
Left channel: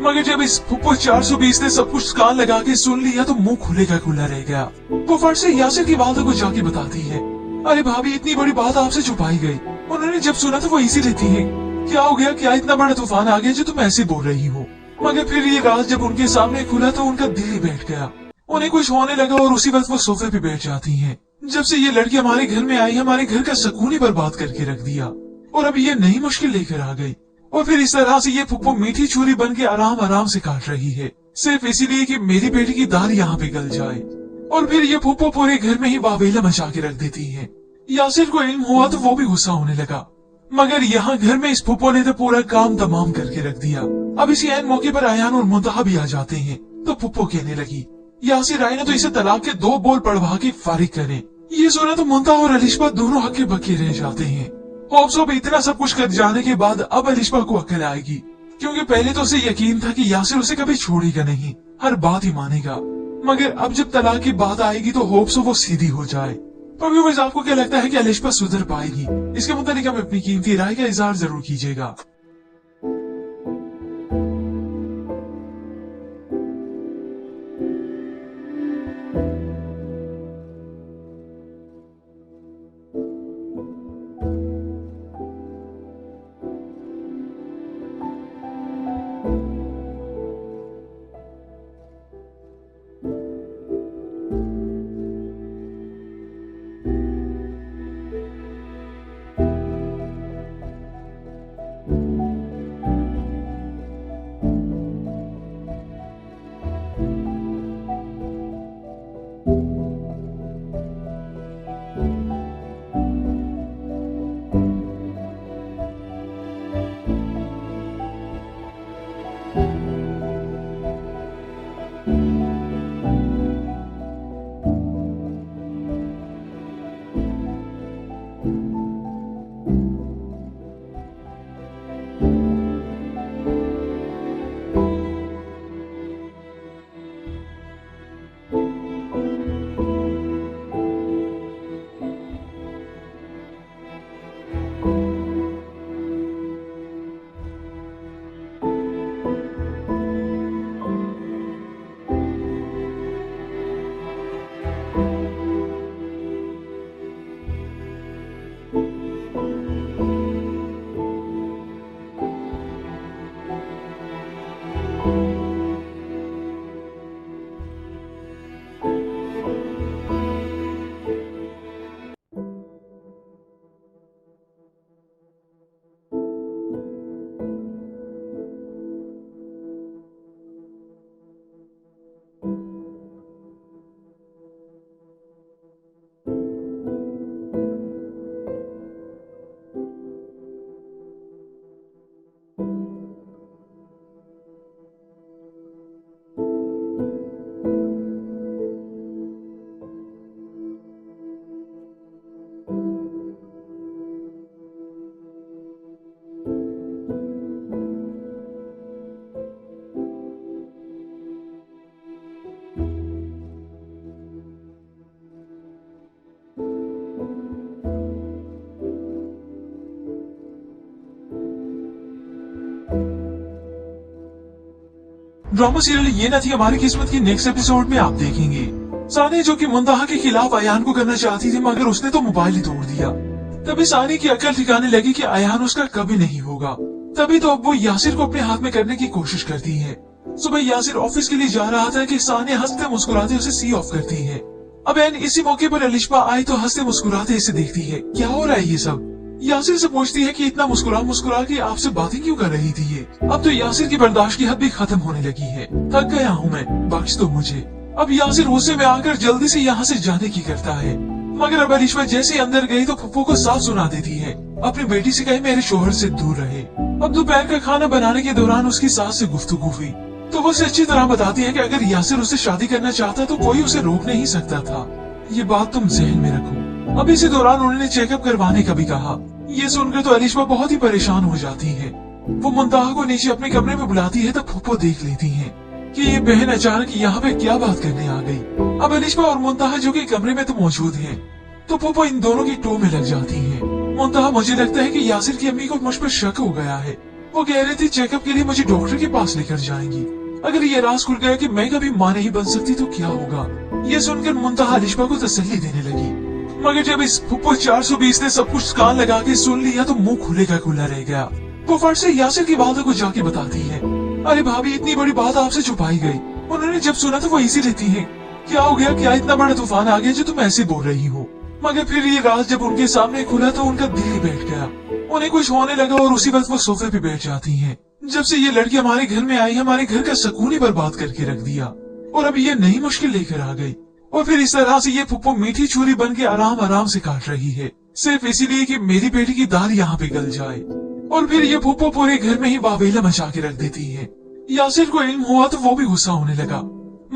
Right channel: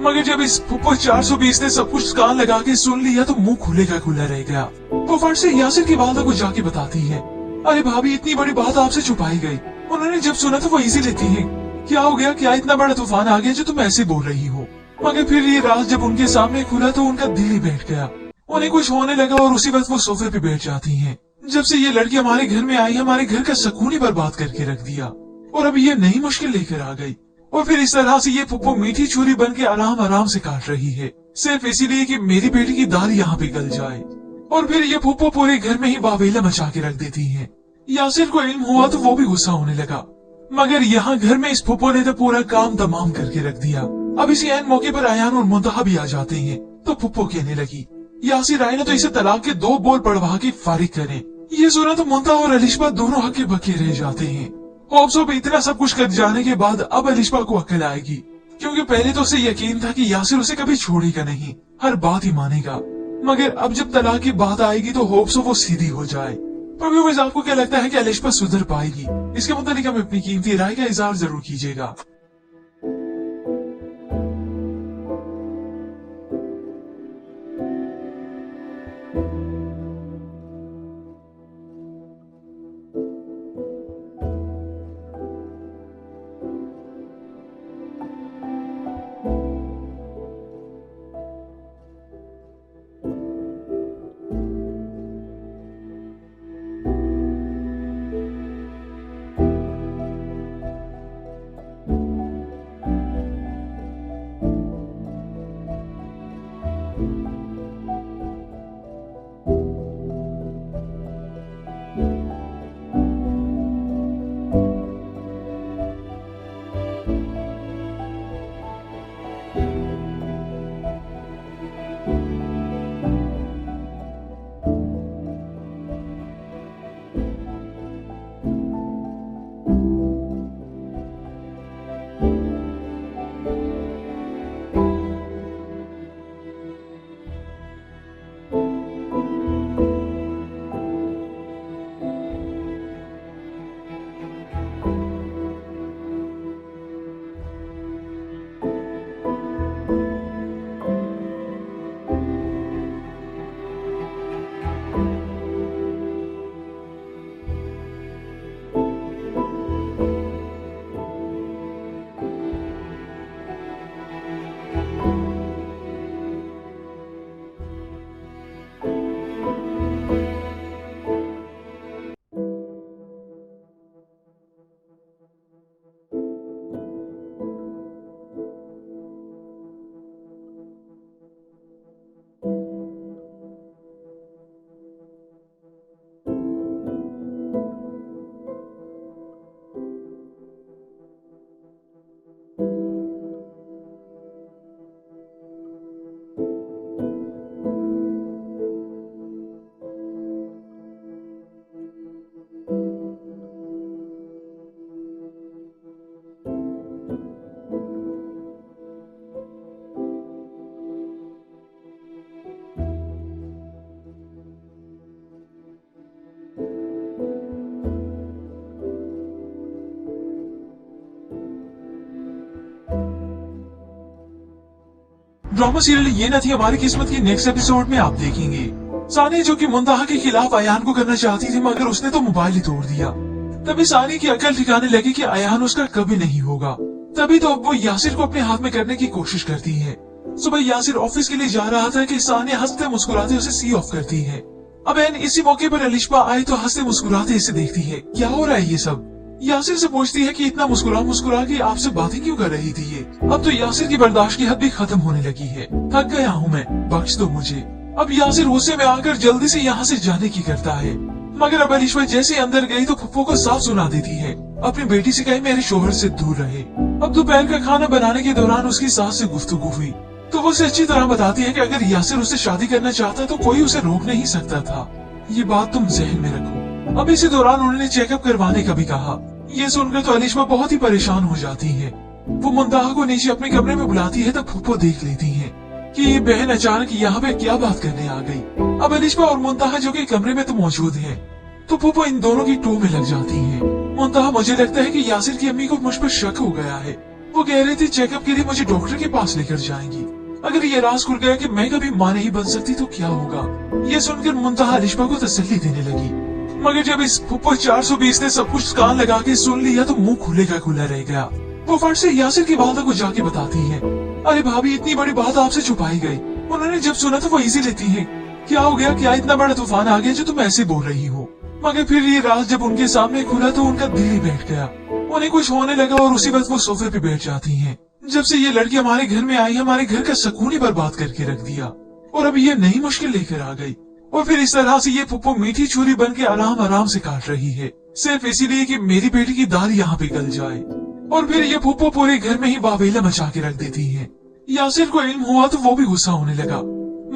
मगर जब इस फुप्पो 420 ने सब कुछ कान लगा के सुन लिया तो मुंह खुले का खुला रह गया। वो फट से यासिर की वालदा को जाके बताती है, अरे भाभी इतनी बड़ी बात आपसे छुपाई गई। उन्होंने जब सुना तो वो इसे लेती है, क्या हो गया? क्या इतना बड़ा तूफान आ गया जो तुम ऐसे बोल रही हो? मगर फिर ये राज जब उनके सामने खुला तो उनका दिल ही बैठ गया। उन्हें कुछ होने लगा और उसी वक्त वो सोफे पे बैठ जाती है। जब से ये लड़की हमारे घर में आई, हमारे घर का सुकून ही बर्बाद करके रख दिया और अब ये नई मुश्किल लेकर आ गई। और फिर इस तरह से ये फुप्पो मीठी छुरी बन के आराम आराम से काट रही है, सिर्फ इसीलिए कि मेरी बेटी की दाढ़ी यहाँ पे गल जाए। और फिर ये फुप्पो पूरे घर में ही वावीला मचा के रख देती है। यासिर को इल्म हुआ तो वो भी गुस्सा होने लगा, मगर यहाँ घर में इस फुप्पो ने तो पूरा काम तमाम करके रख दिया। अब इसी ऐन मौके पर अयान और मुंतहा भी आ जाते हैं तो फुप्पो कहने लगी, यासिर आई ने तो इसे तलाक के 2 बोल पढ़वा के फारिग करे। ये सुना तो मुंतहा और अलिशबा दोनों हक्के बक्के रह जाते हैं होप्स इतना सब कुछ कर जाने के बाद अब अलिशबा को अक्ल आएगी, क्योंकि पहले तो उसे यकीन था कि यासिर उसे कभी छोड़ेगा नहीं, हर बात ही मानेगा। मगर अब जब तलाक की बात आएगी तो होप्स वो सीधी हो जाए। पर आपको क्या लगता है कि अलिशबा सुधर पाएगी? इसके मुताबिक हमें अपनी कीमती राय का इजहार जरूर कीजिएगा। ड्रामा सीरियल ये न थी हमारी किस्मत की नेक्स्ट एपिसोड में आप देखेंगे। सानी जो कि मुंतहा के खिलाफ अयान को करना चाहती थी, मगर उसने तो मोबाइल ही तोड़ दिया। तभी सानी की अकल ठिकाने लगी कि अयान उसका कभी नहीं होगा। तभी तो अब वो यासिर को अपने हाथ में करने की कोशिश करती है। सुबह यासिर ऑफिस के लिए जा रहा था कि सानी हंसते मुस्कुराते उसे सी ऑफ करती है। अब एन इसी मौके पर अलिशबा आई तो हंसते मुस्कुराते इसे देखती है। क्या हो रहा है ये सब? यासिर से पूछती है कि इतना मुस्कुरा के आपसे बातें क्यों कर रही थी ये? अब तो यासिर की बर्दाश्त की हद भी खत्म होने लगी है। थक गया हूँ मैं, बख्श दो मुझे। अब यासिर गुस्से में आकर जल्दी से यहाँ से जाने की करता है, मगर अब अलिशबा जैसे अंदर गई तो फुप्पो को साफ सुना देती है। अपनी बेटी से कहे मेरे शोहर से दूर रहे। अब दोपहर का खाना बनाने के दौरान उसकी सास से गुफ्तगू हुई तो वो उसे अच्छी तरह बताती है कि अगर यासिर उससे शादी करना चाहता तो कोई उसे रोक नहीं सकता था। ये बात तुम जहन में रखो। अब इसी दौरान उन्होंने चेकअप करवाने का भी कहा। ये सुनकर तो अलिशबा बहुत ही परेशान हो जाती है। वो मुंतहा को नीचे अपने कमरे में बुलाती है तो फुप्पो देख लेती है कि ये बहन अचानक यहाँ पे क्या बात करने आ गई। अब अलिशबा और मुंतहा जो कि कमरे में तो मौजूद है, तो फुप्पो इन दोनों की टू में लग जाती है। मुंतहा मुझे लगता है कि यासिर की अम्मी को मुझ पर शक हो गया है। वो कह रही थी चेकअप के लिए मुझे डॉक्टर के पास लेकर जाएंगी। अगर ये राज खुल गया कि मैं कभी माँ नहीं बन सकती तो क्या होगा? ये सुनकर मुंतहा अलिशबा को तसल्ली देने लगी, मगर जब इस फुप्पो 420 ने सब कुछ कान लगा के सुन लिया तो मुंह खुले का खुला रह गया। वो फट से यासिर की वालदा को जाके बताती है, अरे भाभी इतनी बड़ी बात आपसे छुपाई गई। उन्होंने जब सुना तो वो इजी लेती है, क्या हो गया? क्या इतना बड़ा तूफान आ गया जो तुम ऐसे बोल रही हो? मगर फिर ये राज जब उनके सामने खुला तो उनका दिल ही बैठ गया। उन्हें कुछ होने लगा और उसी वक्त वो सोफे पे बैठ जाती है। जब से ये लड़की हमारे घर में आई, हमारे घर का सुकून ही बर्बाद करके रख दिया और अब ये नई मुश्किल लेकर आ गई। और फिर इस तरह से ये फुप्पो मीठी छुरी बन के आराम आराम से काट रही है, सिर्फ इसीलिए कि मेरी बेटी की दाल यहाँ पे गल जाए। और फिर ये फुप्पो पूरे घर में ही बाबीला मचा के रख देती है। यासिर को इल्म हुआ तो वो भी गुस्सा होने लगा,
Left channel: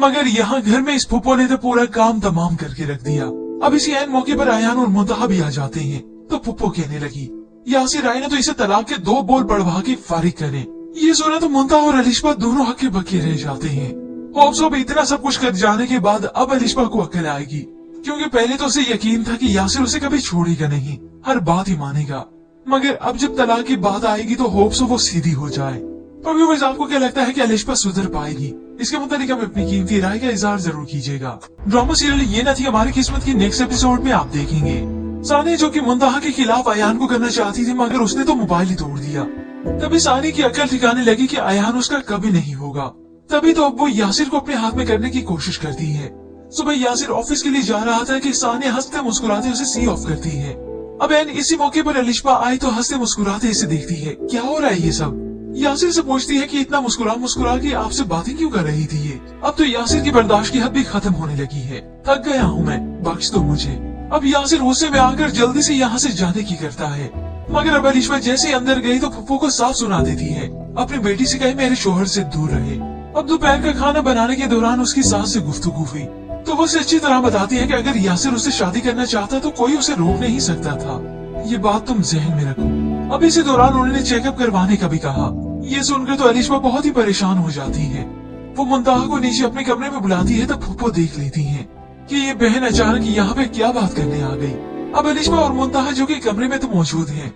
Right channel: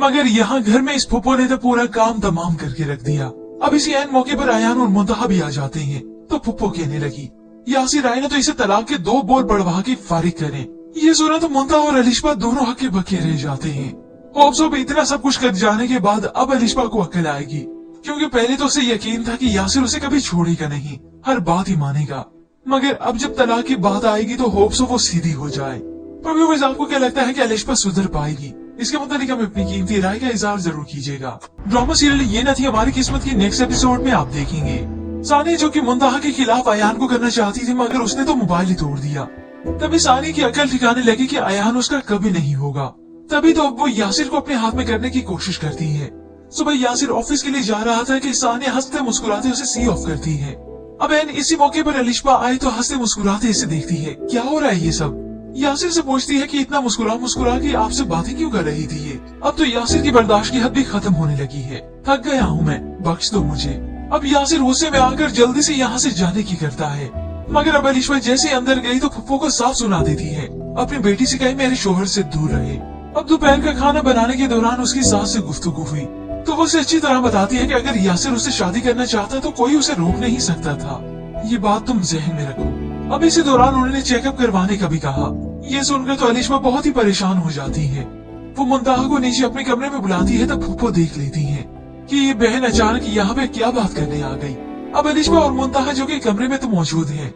मगर यहाँ घर में इस फुप्पो ने तो पूरा काम तमाम करके रख दिया। अब इसी एन मौके पर अयान और मुंतहा भी आ जाते हैं तो फुप्पो कहने लगी, यासिर आई ने तो इसे तलाक के 2 बोल बढ़वा के फारिग करें। ये सुना तो मुंतहा और अलिशबा दोनों हक्के बक्के रह जाते हैं। होप्सो भी इतना सब कुछ कर जाने के बाद अब अलिशबा को अक्ल आएगी, क्योंकि पहले तो उसे यकीन था कि यासिर उसे कभी छोड़ेगा नहीं, हर बात ही मानेगा। मगर अब जब तलाक की बात आएगी तो होप्सो वो सीधी हो जाए। पर व्यूअर्स, आपको क्या लगता है कि अलिशबा सुधर पाएगी? इसके मुताबिक आप अपनी कीमती राय का इजहार जरूर कीजिएगा। ड्रामा सीरियल ये न थी हमारी किस्मत के नेक्स्ट एपिसोड में आप देखेंगे सानी जो कि मुंतहा के खिलाफ अयान को करना चाहती थी, मगर उसने तो मोबाइल ही तोड़ दिया। तभी सानी की अकल ठिकाने लगी कि अयान उसका कभी नहीं होगा। तभी तो अब वो यासिर को अपने हाथ में करने की कोशिश करती है। सुबह यासिर ऑफिस के लिए जा रहा था कि सानी हंसते मुस्कुराते उसे सी ऑफ करती है। अब एन इसी मौके पर अलिशबा आई तो हंसते मुस्कुराते इसे देखती है। क्या हो रहा है ये सब? यासिर से पूछती है कि इतना मुस्कुरा मुस्कुरा के आपसे बातें क्यों कर रही थी ये? अब तो यासिर की बर्दाश्त की हद भी खत्म होने लगी है। थक गया हूँ मैं, बख्श दो मुझे। अब यासिर गुस्से में आकर जल्दी से यहाँ से जाने की करता है, मगर अब अलिशबा जैसे अंदर गई तो फुप्पो को साफ सुना देती है। अपनी बेटी से कहे मेरे शोहर से दूर रहे। अब दोपहर का खाना बनाने के दौरान उसकी सास से गुफ्तगू हुई तो वो उसे अच्छी तरह बताती है कि अगर यासिर उससे शादी करना चाहता तो कोई उसे रोक नहीं सकता था। ये बात तुम जहन में रखो। अब इसी दौरान उन्होंने चेकअप करवाने का भी कहा। ये सुनकर तो अलिशबा बहुत ही परेशान हो जाती है। वो मुंतहा को नीचे अपने कमरे में बुलाती है तो फुप्पो देख लेती है कि ये बहन अचानक यहाँ पे क्या बात करने आ गई। अब अलिशबा और मुंतहा जो कि कमरे में तो मौजूद है,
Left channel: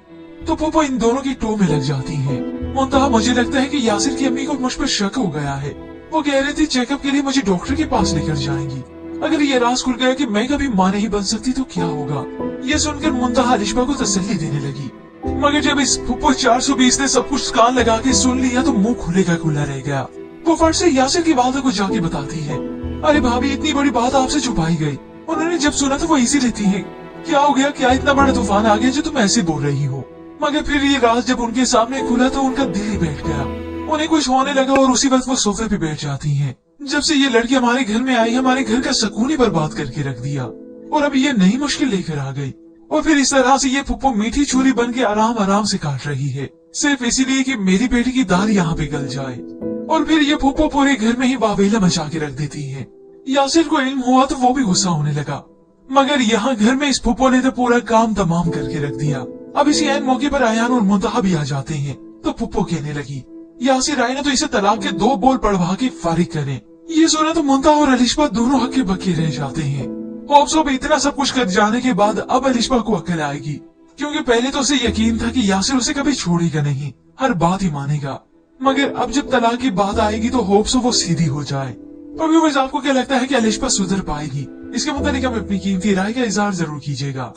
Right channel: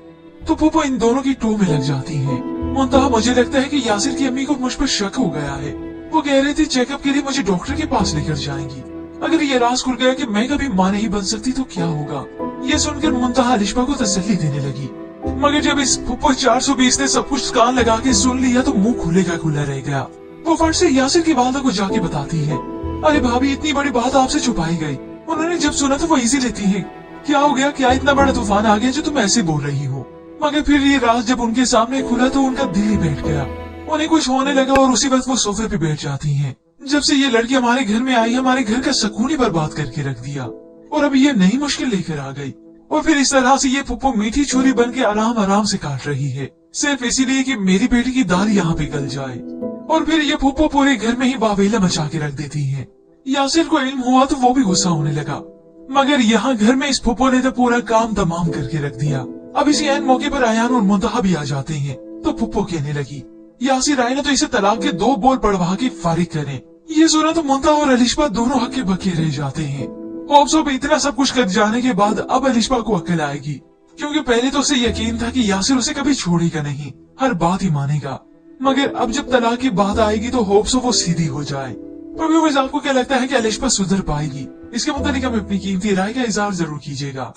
तो फुप्पो इन दोनों की टो में लग जाती है। मुंतहा, मुझे लगता है कि यासिर की अम्मी को मुझ पर शक हो गया है। वो कह रही थी चेकअप के लिए मुझे डॉक्टर के पास लेकर जाएंगी। अगर ये राज खुल गया कि मैं कभी माँ नहीं बन सकती तो क्या होगा? ये सुनकर मुंतहा अलिशबा को तसल्ली देने लगी। मगर जब इस फुप्पो 420 ने सब कुछ कान लगा के सुन लिया तो मुंह खुले का खुला रह गया। वो फट से यासिर की वालदा को जाके बताती है, अरे भाभी, इतनी बड़ी बात आपसे छुपाई गई। उन्होंने जब सुना तो वो इजी लेती है। क्या हो गया? क्या इतना बड़ा तूफान आ गया जो तुम ऐसे बोल रही हो? मगर फिर ये राज जब उनके सामने खुला तो उनका दिल ही बैठ गया। उन्हें कुछ होने लगा और उसी वक्त वो सोफे पे बैठ जाती हैं। जब से ये लड़की हमारे घर में आई, हमारे घर का सुकून ही बर्बाद करके रख दिया और अब ये नई मुश्किल लेकर आ गई। और फिर इस तरह से ये फुप्पो मीठी छुरी बन के आराम आराम से काट रही है, सिर्फ इसीलिए कि मेरी बेटी की दाल यहाँ पे गल जाए। और फिर ये फुप्पो पूरे घर में ही वावेला मचा के रख देती है। यासिर को इल्म हुआ तो वो भी गुस्सा होने लगा, मगर यहाँ घर में इस फुप्पो ने तो पूरा काम तमाम करके रख दिया। अब इसी ऐन मौके पर अयान और मुंतहा भी आ जाते हैं तो फुप्पो कहने लगी, यासिर आई ने तो इसे तलाक के 2 बोल बढ़वा के फारिग करें। ये सुना तो मुंतहा और अलिशबा दोनों हक्के बक्के रह जाते हैं। होप्सो भी इतना सब कुछ कर जाने के बाद अब अलिशबा को अक्ल आएगी, क्योंकि पहले तो उसे यकीन था कि यासिर उसे कभी छोड़ेगा नहीं, हर बात ही मानेगा। मगर अब जब तलाक की बात आएगी तो होप्सो वो सीधी हो जाए। तो व्यूअर्स, आपको क्या लगता है कि अलिशबा सुधर पाएगी? इसके मुताबिक आप अपनी कीमती राय का इजहार जरूर कीजिएगा।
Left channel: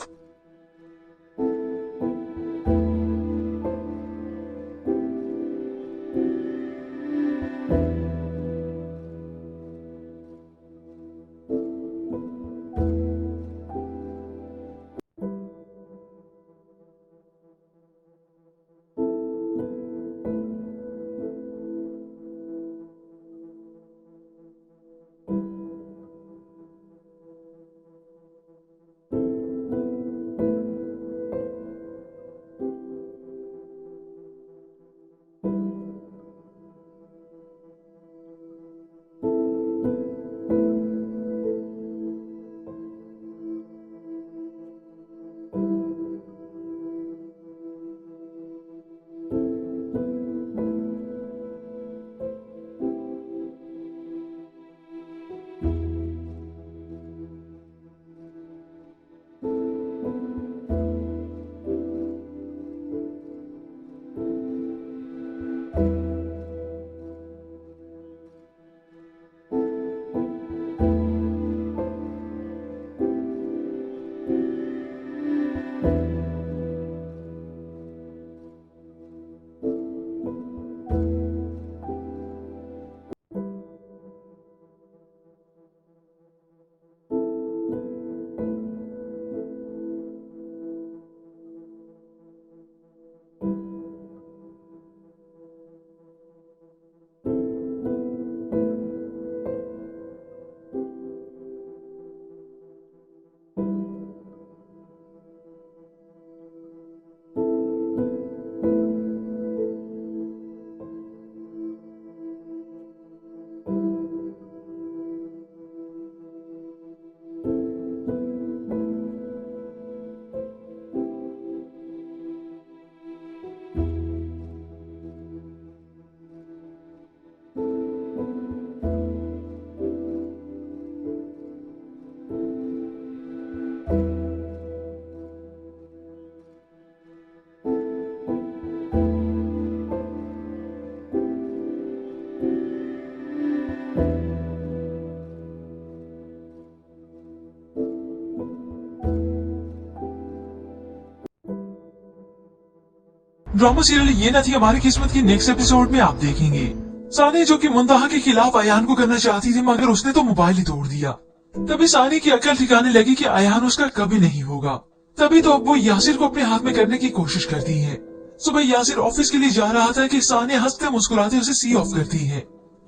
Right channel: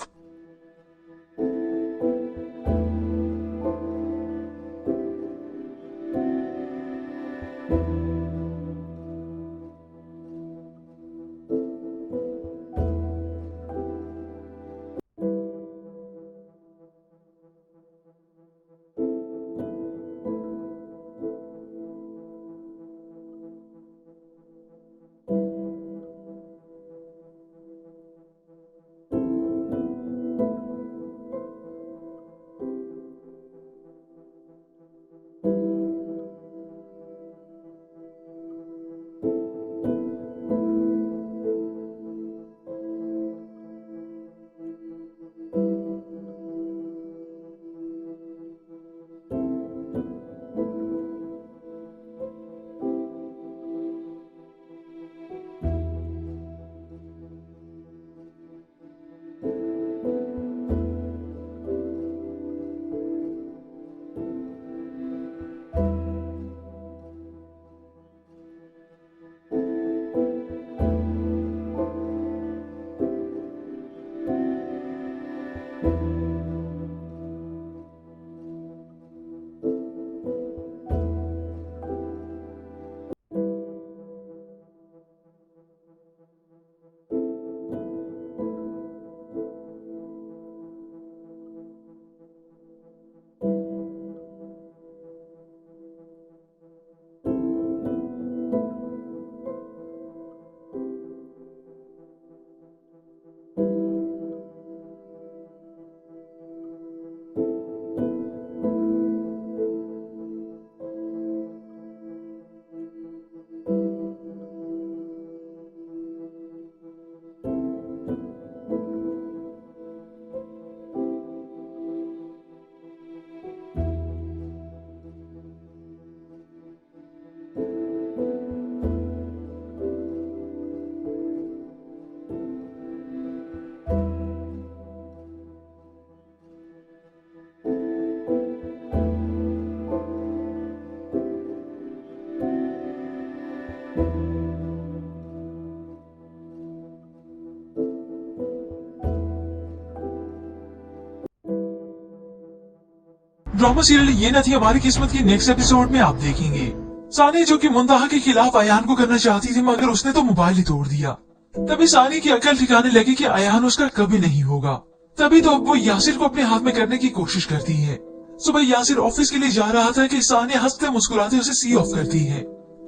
ड्रामा सीरियल ये न थी हमारी किस्मत के नेक्स्ट एपिसोड में आप देखेंगे। सानी जो कि मुंतहा के खिलाफ अयान को करना चाहती थी मगर उसने तो मोबाइल ही तोड़ दिया। तभी सानी की अकल ठिकाने लगी कि अयान उसका कभी नहीं होगा। तभी तो अब वो यासिर को अपने हाथ में करने की कोशिश करती है। सुबह यासिर ऑफिस के लिए जा रहा था कि सानी हंसते मुस्कुराते उसे सी ऑफ करती है।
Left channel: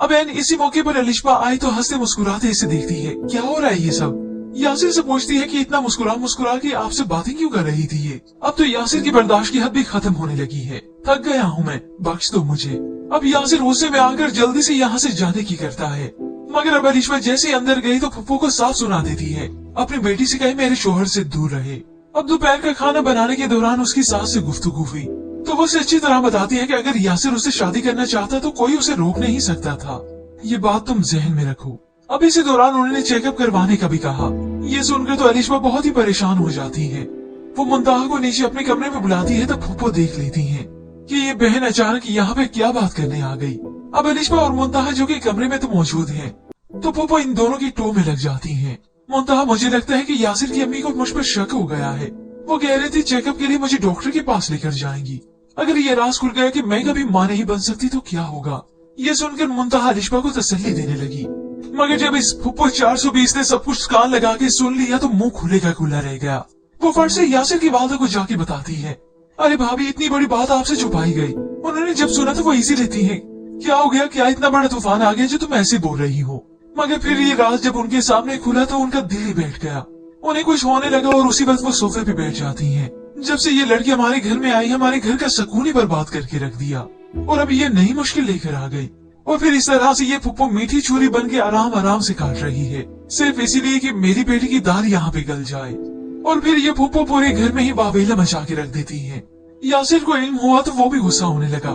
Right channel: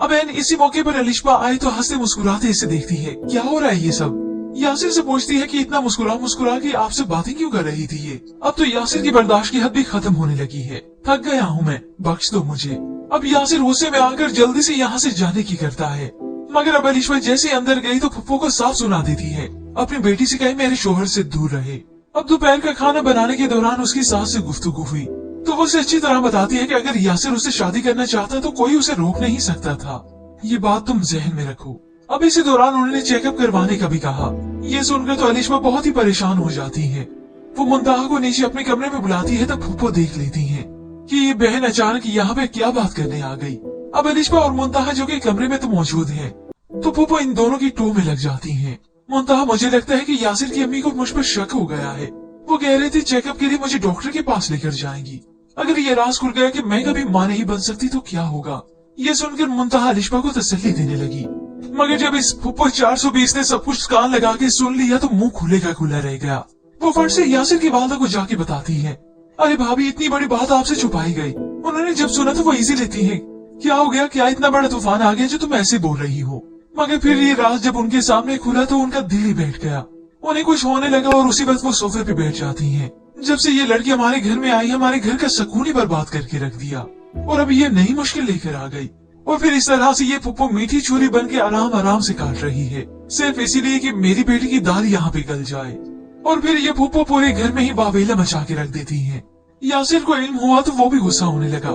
अब एन इसी मौके पर अलिशबा आई तो हंसते मुस्कुराते इसे देखती है। क्या हो रहा है ये सब? यासिर से पूछती है कि इतना मुस्कुरा के आपसे बातें क्यों कर रही थी ये? अब तो यासिर की बर्दाश्त की हद भी खत्म होने लगी है। थक गया हूँ मैं, बख्श दो मुझे। अब यासिर गुस्से में आकर जल्दी से यहाँ से जाने की करता है मगर अब अलिशबा जैसे अंदर गई तो फुप्पो को साफ सुना देती है। अपनी बेटी से कहे मेरे शोहर से दूर रहे। अब दोपहर का खाना बनाने के दौरान उसकी सास से गुफ्तगू हुई तो वो उसे अच्छी तरह बताती है कि अगर यासिर उससे शादी करना चाहता तो कोई उसे रोक नहीं सकता था। ये बात तुम जहन में रखो। अब इसी दौरान उन्होंने चेकअप करवाने का भी कहा। ये सुनकर तो अलिशबा बहुत ही परेशान हो जाती है। वो मुंतहा को नीचे अपने कमरे में बुलाती है तो फुप्पो देख लेती है कि ये बहन अचानक यहाँ पे क्या बात करने आ गई। अब अलिशबा और मुंतहा जो कि कमरे में तो मौजूद है तो फुप्पो इन दोनों की टो में लग जाती है। मुंतहा मुझे लगता है कि यासिर की अम्मी को मुझ पर शक हो गया है। वो कह रही थी चेकअप के लिए मुझे डॉक्टर के पास लेकर जाएंगी। अगर ये राज खुल गया कि मैं कभी मां नहीं बन सकती तो क्या होगा? ये सुनकर मुंतहा अलिशबा को तसल्ली देने लगी मगर जब इस फुप्पो 420 ने सब कुछ कान लगा के सुन लिया तो मुंह खुले का खुला रह गया। वो फट से यासिर की वालदा को जाके बताती है, अरे भाभी इतनी बड़ी बात आपसे छुपाई गई। उन्होंने जब सुना तो वो इजी लेती है, क्या हो गया? क्या इतना बड़ा तूफान आ गया जो तुम ऐसे बोल रही हो? मगर फिर ये राज जब उनके सामने खुला तो उनका दिल ही बैठ गया। उन्हें कुछ होने लगा और उसी वक्त वो सोफे पे बैठ जाती है। जब से ये लड़की हमारे घर में आई हमारे घर का सुकून ही बर्बाद करके रख दिया और अब ये नई मुश्किल लेकर आ गई। और फिर इस तरह से ये फुप्पो मीठी छुरी बन के आराम से काट रही है सिर्फ इसीलिए कि मेरी बेटी की दाल यहाँ पे गल जाए। और फिर ये फुप्पो पूरे घर में ही बाबीला मचा के रख देती है। यासिर को इल्म हुआ तो वो भी गुस्सा होने लगा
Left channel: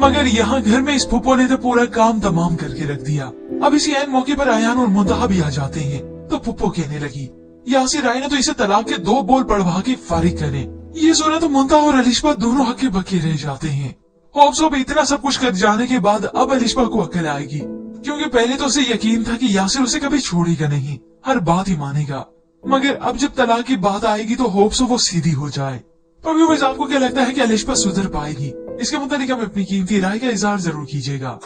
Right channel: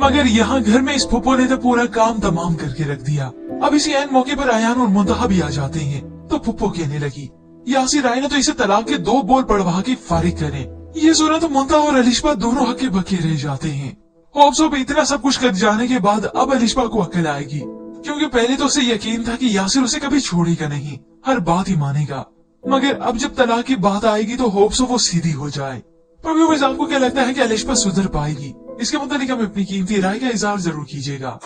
मगर यहाँ घर में इस फुप्पो ने तो पूरा काम तमाम करके रख दिया। अब इसी ऐन मौके पर अयान और मुंतहा भी आ जाते हैं तो फुप्पो कहने लगी, यासिर आए ना तो इसे तलाक के 2 बोल बढ़वा के फारिग करें। ये सुना तो मुंतहा और अलिशबा दोनों हक्के बक्के रह जाते हैं। होप्सो भी इतना सब कुछ कर जाने के बाद अब अलिशबा को अक्ल आएगी क्योंकि पहले तो उसे यकीन था कि यासिर उसे कभी छोड़ेगा नहीं, हर बात ही मानेगा। मगर अब जब तलाक की बात आएगी तो होप्सो वो सीधी हो जाए। पर व्यूअर्स आपको क्या लगता है कि अलिशबा सुधर पाएगी? इसके मुताबिक आप अपनी कीमती राय का इज़हार जरूर कीजिएगा।